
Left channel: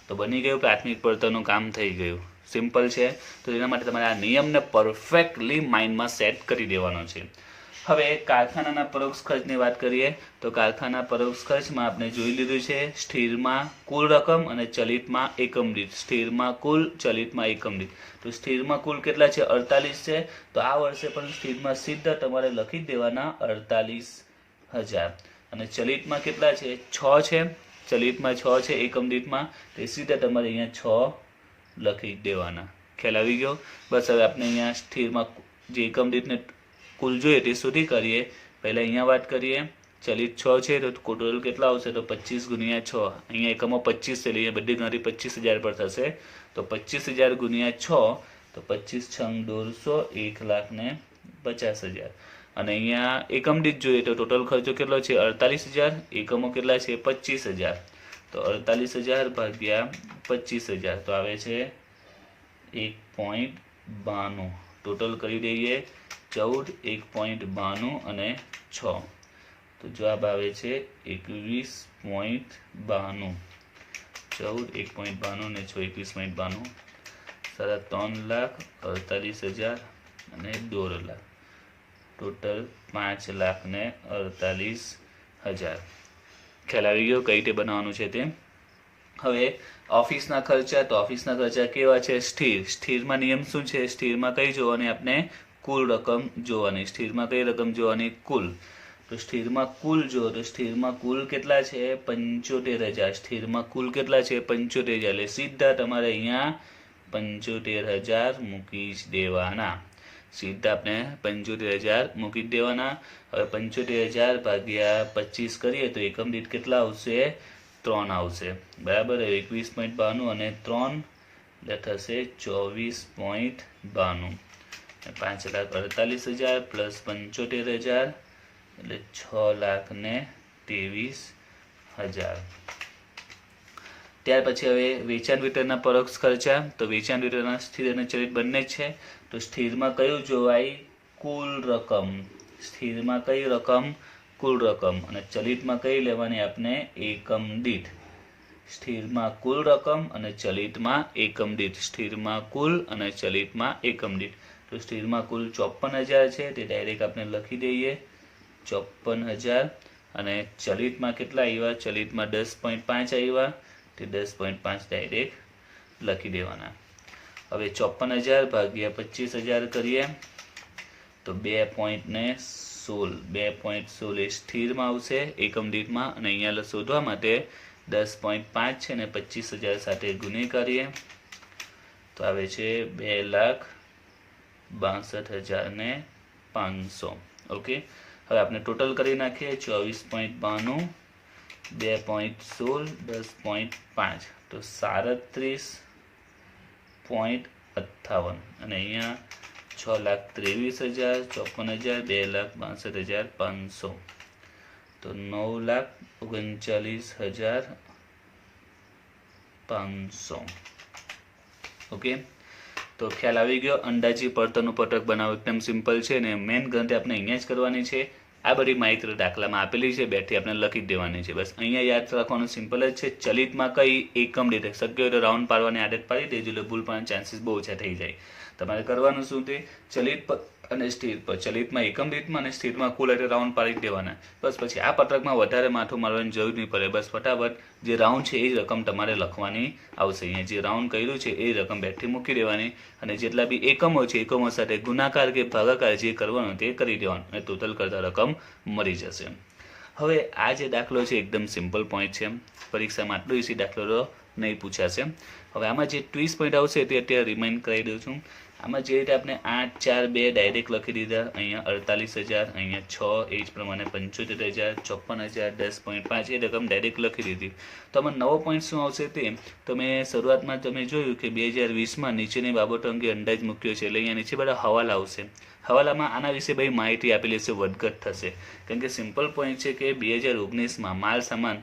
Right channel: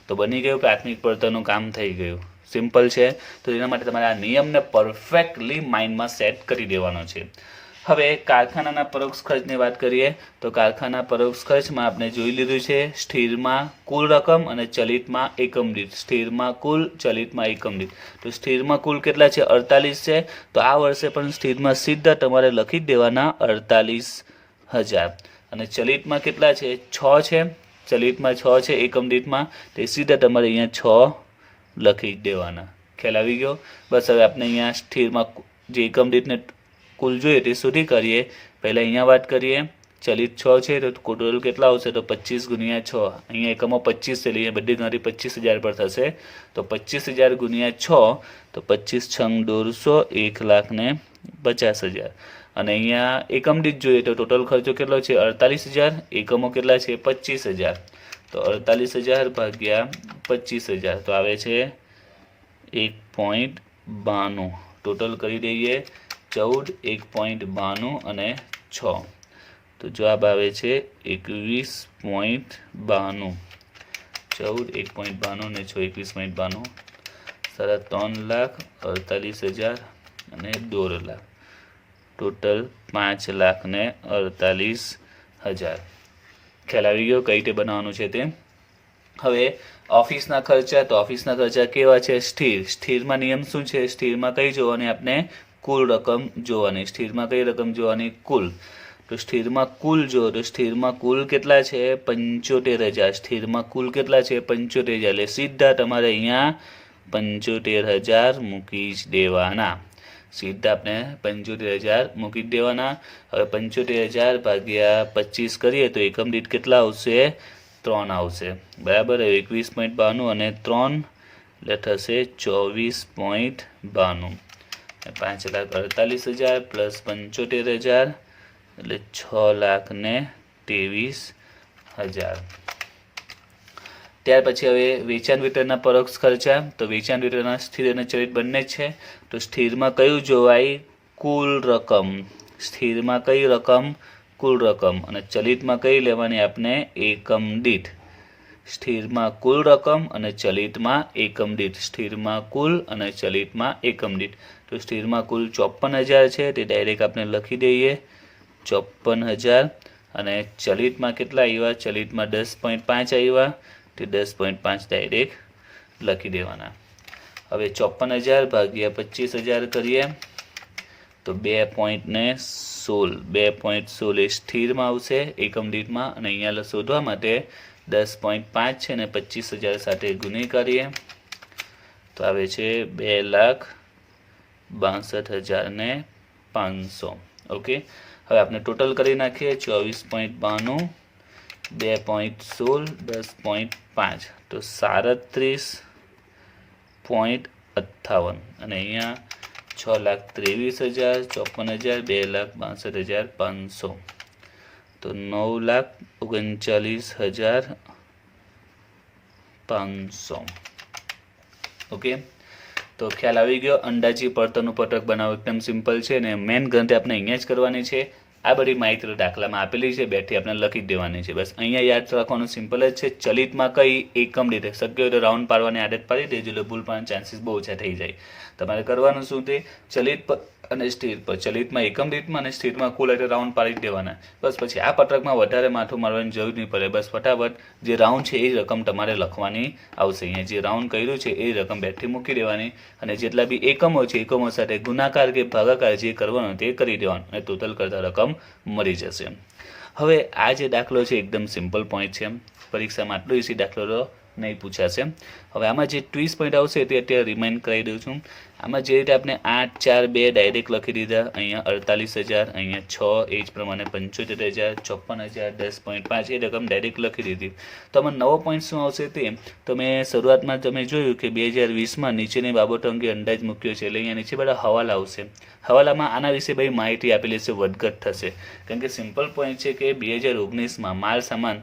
તો બની ગયું, પ્રાથમિક પડતરનું કામ થઈ ગયું. સિમ્પલ છે. તો એના માટે તમારે આ નિયમને પરફેક્ટલી માઇન્ડમાં સેટ કરી દેવાનો છે. હવે કારખાનાના પરોક્ષ ખર્ચની વાત કરીએ તો કારખાના પરોક્ષ ખર્ચમાં આપણે જોઈ લીધું છે સ્થિરમાં કુલ રકમ અને ચલિતમાં એકમ દીઠ. સ્થિરમાં કુલ, ચલિતમાં એકમ દીઠ. તો સ્થિરમાં કુલ કેટલા છે? 48 છે. તો આ વર્ષે પણ સ્થિરમાં સીધા તમારે લખી જ દેવાના 48,000. અને ચલિતમાં કેટલા છે? 6 છે. ચલિતમાં 6 છે એકમ દીઠમાં, તે સીધા તમારે અહીંયા 6 લખી જ દેવાના. ખ્યાલ આવી ગયો? બસ હવે આપણે અહીંયા સ્થિરમાં જે એકમ દીઠને કુલ જોઈએ તે સુધી કરીએ. પહેલાં અહીંયા વાત કરીએ. ચલિત 6 છે તો ટોટલ કેટલા આવશે? તો 25 ગુણ્યા 6. અહીંયા એકમો 25 છે, અહીંયા બધી ગણતરી 25,000 પર થશે. તો 25,000 ગુણ્યા 6 તો 25 6 1,50,000. અને અહીંયા એકમ દીઠ જોઈએ તો ટોટલ ખર્ચો કેટલો છે? 48,000. એકમો કેટલા છે? 25,000. તો 48,000 ભાગ્યા 25,000 તો આવે છે 1.92. ટોટલ કરી દઈએ 14, 1.92 અને 6. તો જવાબ આવે છે 21.92. 14, 1.92 અને 6, 21.92. 3,48,000 અને 2 લાખ. ટોટલ 5,48,000. ખ્યાલ આવી ગયો કઈ રીતે બનાવવાનું છે તે? હવે ઓફિસના ખર્ચા. તો ઓફિસના ખર્ચા કેવા છે? સ્થિર. સ્થિરમાં નિયમ શું છે? સ્થિરમાં કઈ જોવાની? આપણે કુલ રકમ જોવાની. સ્થિરમાં કઈ રકમ જોવાની? કુલ. તો સ્થિરમાં કુલ જો તો સ્થિરમાં કુલ કેટલા છે? 75,000. સ્થિરમાં કુલ કેટલા છે? 75,000. એટલે સીધા તમારે અહીંયા 75,000 મૂકી જ દેવાના. સીધા આપણે 75,000 મૂકી જ દેવાના. હવે 75,000 ભાગ્યા 25 કરીએ તો એકમ દીઠ કેટલા આવશે? 3 આવશે. બરાબર. 21.92 અને 3 એટલે થશે 24.92. 5,48,000 પ્લસ 75,000 એટલે 6,23,000. ત્યાર પછી હવે વેચાણ વિતરણના પરોક્ષ ખર્ચા. તો વેચાણ વિતરણના સ્થિર અને ચલિત બંને જ છે. તો સ્થિરમાં કયું જોવાય? કુલ રકમ. સ્થિરમાં કઈ રકમ? કુલ રકમ. અને ચલિતમાં કઈ લેવાની આપણે? એકમ દીઠ. સ્થિરમાં કુલ રકમ અને ચલિતમાં એકમ દીઠ. સ્થિરમાં કુલ અને ચલિતમાં એકમ દીઠ. તો સ્થિરમાં કુલ 54,000 છે, તે ડાયરેક્ટ આપણે લખી દઈએ 54,000. અને ચલિતમાં કેટલા આવ્યા? ચલિતમાં 10.5 આવ્યા, તે 10.5 ડાયરેક્ટ લખી દેવાના. હવે 54,000 ભાગ્યા 25,000 કરીએ તો 2.16 એ સ્થિરમાં આવશે એકમ દીઠમાં. અને અહીંયા શોધવા માટે 10.5 છે અને 25,000 સાથે ગુણી કરીએ તો આવે છે 2,62,500. ઓકે. હવે આપણે ટોટલ કરી નાખીએ 24.92 2.16 10.5 તો 37.58 અને અહીંયા 6,23,000 54,000 2,62,500 તો 9,39,500 ઓકે। તો ખ્યાલ આવી ગયો। અંદાજી પડતરનું પત્રક બનાવવું એકદમ સિમ્પલ છે અને મેન ગણતરી આપણે અહીંયા જ કરવાની છે। આ બધી માહિતી દાખલામાં આપેલી છે, બેઠી આપણે લખી જ દેવાની છે। બસ અહીંયા યાદ રાખવાનું સિમ્પલ જ છે। ચલિતમાં કઈ એકમ દીઠ શક્ય હોય તો રાઉન્ડ પાડવાની આદત પાડી દેજો, એટલે ભૂલ પાડવાના ચાન્સીસ બહુ ઓછા થઈ જાય। તમારે કરવાનું શું તે ચલિત પર અને સ્થિર પર, ચલિતમાં એકમ દીઠમાં અને સ્થિરમાં કુલ એટલે રાઉન્ડ પાડી દેવાના। બસ પછી આ પત્રકમાં વધારે માથું મારવાની જરૂર નહીં પડે। બસ ફટાફટ જે રાઉન્ડ છે એ રકમ તમારે લખવાની આવશે। અહીંયા જે રાઉન્ડ કર્યું છે એ રકમ બેઠી મૂકી દેવાની અને જેટલા બી એકમો છે એકમો સાથે ગુણાકાર કે ભાગાકાર જે કરવાનો તે કરી દેવાનું અને ટોટલ કરતા રકમ મળી જશે। હવે આ જે દાખલો છે એકદમ સિમ્પલ પોઈન્ટ છે, પરીક્ષામાં આટલો ઇઝી દાખલો નહીં પૂછાશે। હવે આમાં જે ટ્વિસ્ટ પોઈન્ટ આવશે તે અત્યારે રિમાઇન્ડ કરાવી દઉં છું। આમાં જે રીતે આપણે 8, 4, 2 ડાયરેક્ટ લખી દીધા, અહીંયા 48,000, અહીંયા 6 એ જ પ્રમાણે 75,000, 56,000, 10.5 એ રકમ ડાયરેક્ટ લખી દીધી। તો આમાં નવો પોઈન્ટ શું આવશે તે તો મેં શરૂઆતમાં તમે જોયું કે 2020માં નીચેની બાબતો અંગે અંદાજ મૂક્યો છે, એટલે અહીંયા નીચે બધા હવાલા આવશે। હવાલામાં આના વિશે બધી માહિતી આપેલી છે, વધઘટ થશે, કેમ કે સિમ્પલ પોઈન્ટ છે કે 2019માં માલ સામાન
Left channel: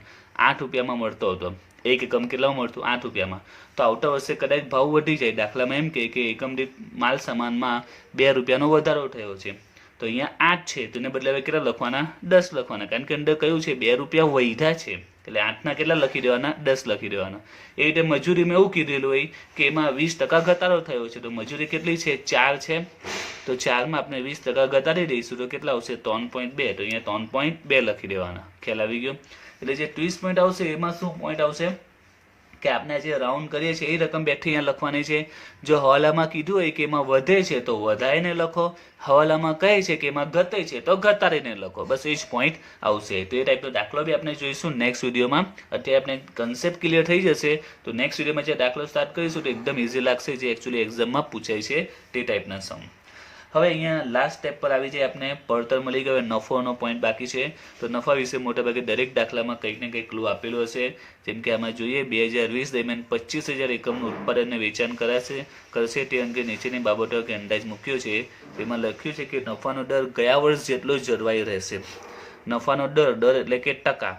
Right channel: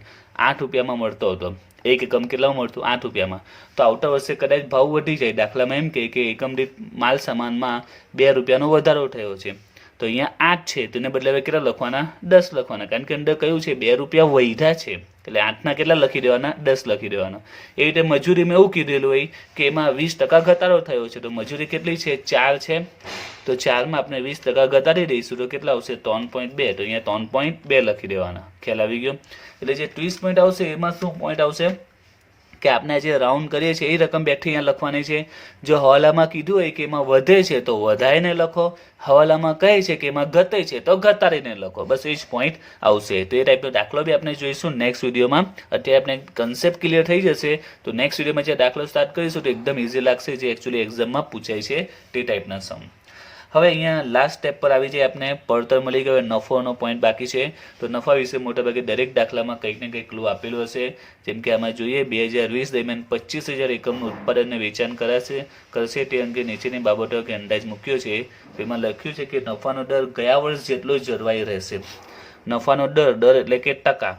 8 રૂપિયામાં મળતો હતો, એક એકમ કેટલામાં મળતું 8 રૂપિયામાં। તો આવતા વર્ષે કદાચ ભાવ વધી જાય, દાખલામાં એમ કે એકમ દીઠ માલ સામાનમાં 2 રૂપિયાનો વધારો થયો છે, તો અહીંયા 8 છે તેને બદલે હવે કેટલા લખવાના 10 લખવાના, કારણ કે અંદર કયું છે 2 રૂપિયા વધ્યા છે, એટલે 8ના કેટલા લખી દેવાના 10 લખી દેવાના। એ રીતે મજૂરીમાં એવું કીધેલું હોય કે એમાં 20% ઘટાડો થયો છે, તો મજૂરી કેટલી છે 4 છે, તો 4માં આપણે 20% ઘટાડી દઈશું તો કેટલા આવશે 3.2, તો અહીંયા 3.2 લખી દેવાના। ખ્યાલ આવી ગયો। એટલે જે ટ્વિસ્ટ પોઈન્ટ આવશે એમાં શું પોઈન્ટ આવશે કે આપણે જે રાઉન્ડ કરીએ છીએ એ રકમ બેઠી અહીંયા લખવાની છે। જો હવાલામાં કીધું હોય કે એમાં વધે છે તો વધારીને લખો, હવાલામાં કહે છે કે એમાં ઘટે છે તો ઘટાડીને લખો, બસ એ જ પોઈન્ટ આવશે। તો એ ટાઈપનો દાખલો બી આપણે જોઈશું નેક્સ્ટ વિડીયોમાં। અત્યારે આપણે કન્સેપ્ટ ક્લિયર થઈ જશે તો નેક્સ્ટ વિડીયોમાં જે દાખલો સ્ટાર્ટ કરીશું તો એકદમ ઇઝી લાગશે, જે એકચ્યુઅલી એક્ઝામમાં પૂછાય છે તે ટાઈપના સમ। હવે અહીંયા લાસ્ટ સ્ટેપ પર આવી જાય, આપણે પડતર મળી ગયો, નફોનો પોઈન્ટ બાકી છે। તો નફા વિશે મોટાભાગે દરેક દાખલામાં કંઈક ને કંઈક ક્લુ આપેલું હશે, જેમ કે આમાં જોઈએ 2020 દરમિયાન 25,000 એકમનું ઉત્પાદનને વેચાણ કરશે તે અંગે નીચેની બાબતો કે અંદાજ મૂક્યો છે। તેમાં લખ્યું છે કે નફાનો દર ગયા વર્ષ જેટલો જળવાઈ રહેશે। નફાનો દર એટલે કે ટકા,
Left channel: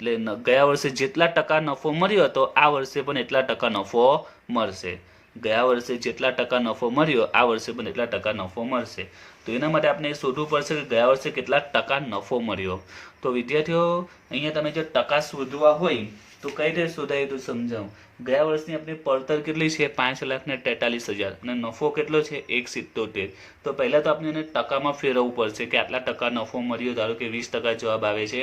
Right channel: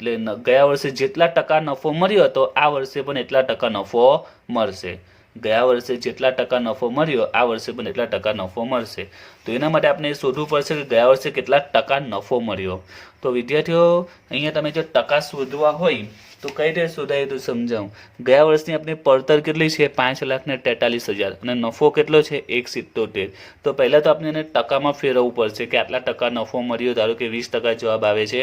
એટલે ગયા વર્ષે જેટલા ટકા નફો મળ્યો હતો આ વર્ષે પણ એટલા ટકા નફો મળશે। ગયા વર્ષે જેટલા ટકા નફો મળ્યો આ વર્ષે પણ એટલા ટકા નફો મળશે। તો એના માટે આપણે શોધવું પડશે કે ગયા વર્ષે કેટલા ટકા નફો મળ્યો। તો વિદ્યાર્થીઓ અહીંયા તમે જો ટકા શોધવા હોય તો કઈ રીતે શોધાય તો સમજાવું। ગયા વર્ષની આપણી પડતર કેટલી છે 5,43,000 અને નફો કેટલો છે 1.77। તો પહેલાં તો આપણે એને ટકામાં ફેરવવું પડશે કે આટલા ટકા નફો મળ્યો, ધારો કે 20% જવાબ આવે છે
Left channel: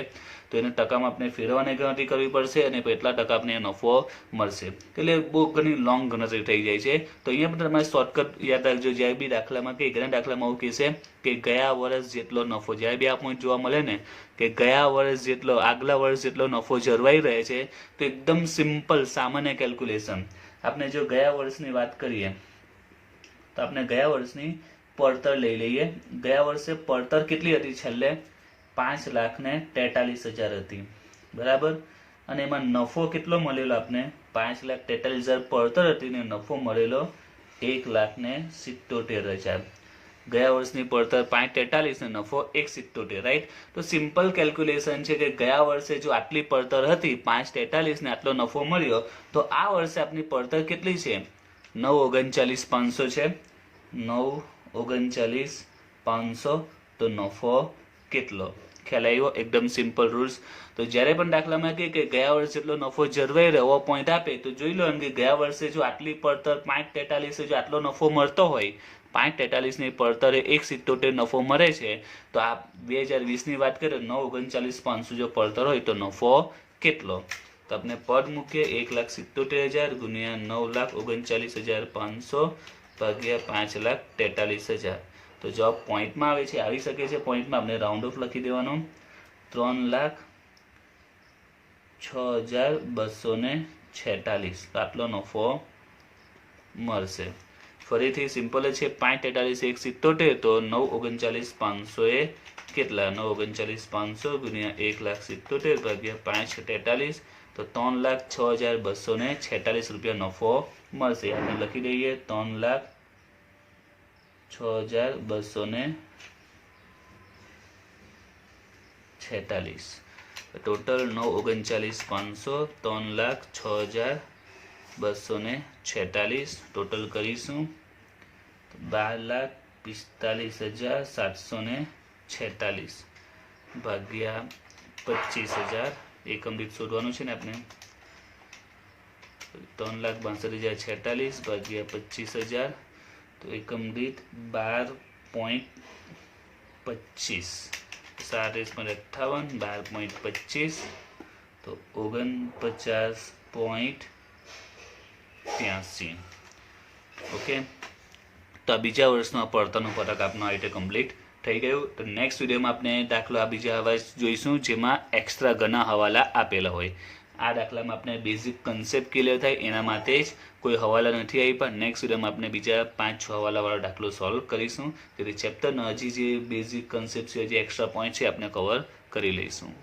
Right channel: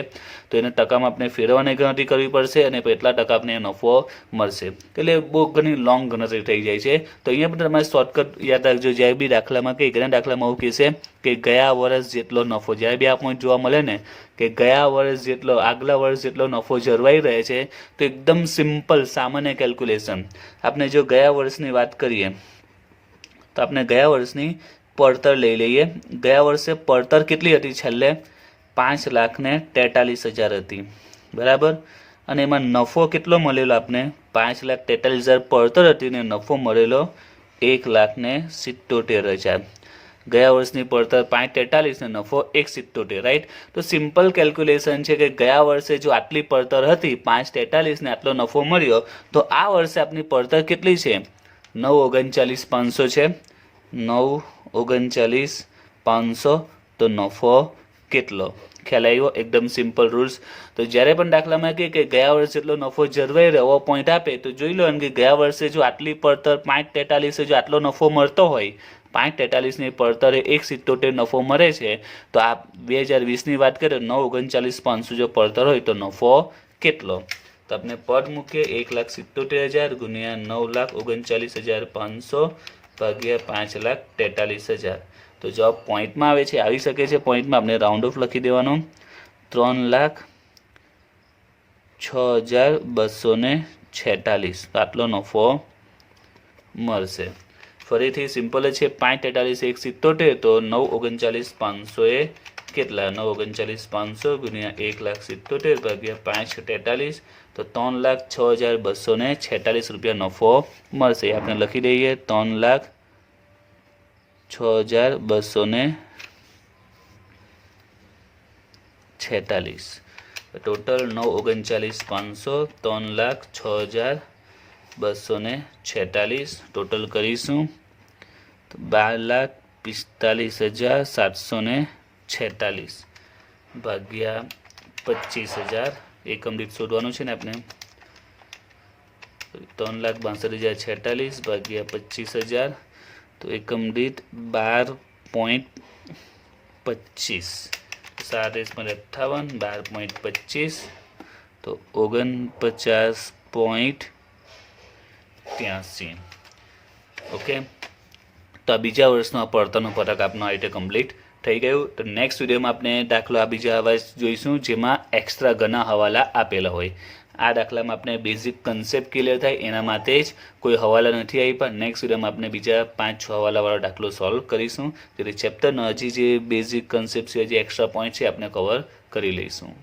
તો એને ટકામાં આપણે ફેરવવાની ગણતરી કરવી પડશે અને એટલા ટકા આપણે નફો મળશે, એટલે બહુ ઘણી લોંગ ગણતરી થઈ જાય છે। તો અહીંયા પણ તમારે શોર્ટકટ યાદ રાખજો, જ્યારે બી દાખલામાં કે ઘણા દાખલામાં એવું કહેશે કે ગયા વર્ષ જેટલો નફો, જ્યારે બી આ પોઈન્ટ જોવા મળે ને કે ગયા વર્ષ જેટલો આગલા વર્ષ જેટલો નફો જળવાઈ રહે છે તો એકદમ સિમ્પલ સામાન્ય કેલ્ક્યુલેશન। આપણે જો ગયા વર્ષની વાત કરીએ તો આપણે ગયા વર્ષની પડતર લઈ લઈએ। ગયા વર્ષે પડતર કેટલી હતી છેલ્લે 5,43,000 હતી, બરાબર, અને એમાં નફો કેટલો મળેલો આપણે 5,43,000 પડતર હતી ને નફો મળેલો 1,77,000। ગયા વર્ષની પડતર 5,43 ને નફો 1.77, રાઈટ। તો સિમ્પલ કેલ્ક્યુલેશન છે કે ગયા વર્ષે જો આટલી પડતર હતી 5,43 ને આટલો નફો મળ્યો તો આ વર્ષે આપણી પડતર કેટલી છે 9,39,500 છે, 9,39,500, તો નફો કેટલો? ખ્યાલ આવ્યો? એકદમ સિમ્પલ રૂલ્સ। તો જ્યારે પણ દાખલામાં કહે કે ગયા વર્ષે જેટલો નફો જળવાઈ રહ્યો પોઈન્ટ આપે તો જોઈ લો કે ગયા વર્ષે જો આટલી પડતર 5,43 જો આટલો નફો મળતો હોય, 5,43ની પડતરે 1.77 નફો મળે છે, તો આ 2020ની વાત કરીએ 9,39,500 જો પડતર હોય તો નફો કેટલો? તો આપણે પદ મૂકીએ 1,77,000 ગુણ્યા 9,39,500 ભાગ્યા 5,43,000। તો જવાબ પોઈન્ટમાં આવે છે, આવી શકે છે પોઈન્ટમાં, આપણે રાઉન્ડ ઓફ લખી દેવાનો 3,06,246, આટલો નફો મળશે। ફરીથી સિમ્પલ જ છે, 5,43 1.77 તો 9,39,500 એ કેટલા 9,39,500 ગુણ્યા 1,77,000 ભાગ્યા 5,43 તો 3,06,246 રૂપિયા નફો મળશે. આપણે લખી દઈએ 3,06,246. ટોટલ 9,39,500 3,06,246 ટોટલ કરીશું તો 12,45,746 ભાગ્યા 25,000 એકમ દીઠ શોધવાનું છે ને આપણે 3,62,046 ભાગ્યા 25,000 તો એકમ દીઠ 12.25 7,58 12.25 તો 49.83. ઓકે, તો આ બીજા વર્ષનો પડતરનો ફરક આપનો આ રીતે કમ્પ્લીટ થઈ ગયું. તો નેક્સ્ટ વિડીયોમાં આપણે દાખલો આ બીજા હવા જોઈશું જેમાં એક્સ્ટ્રા ઘણા હવાલા આપેલા હોય. આ દાખલામાં આપણે બેઝિક કન્સેપ્ટ ક્લિયર થાય એના માટે જ કોઈ હવાલા નથી આપ્યા. નેક્સ્ટ વિડીયોમાં આપણે બીજા 5-6 હવાલાવાળો દાખલો સોલ્વ કરીશું જેથી ચેપ્ટરના હજી જે બેઝિક કન્સેપ્ટ છે, જે એક્સ્ટ્રા પોઈન્ટ છે આપણે કવર કરી લઈશું.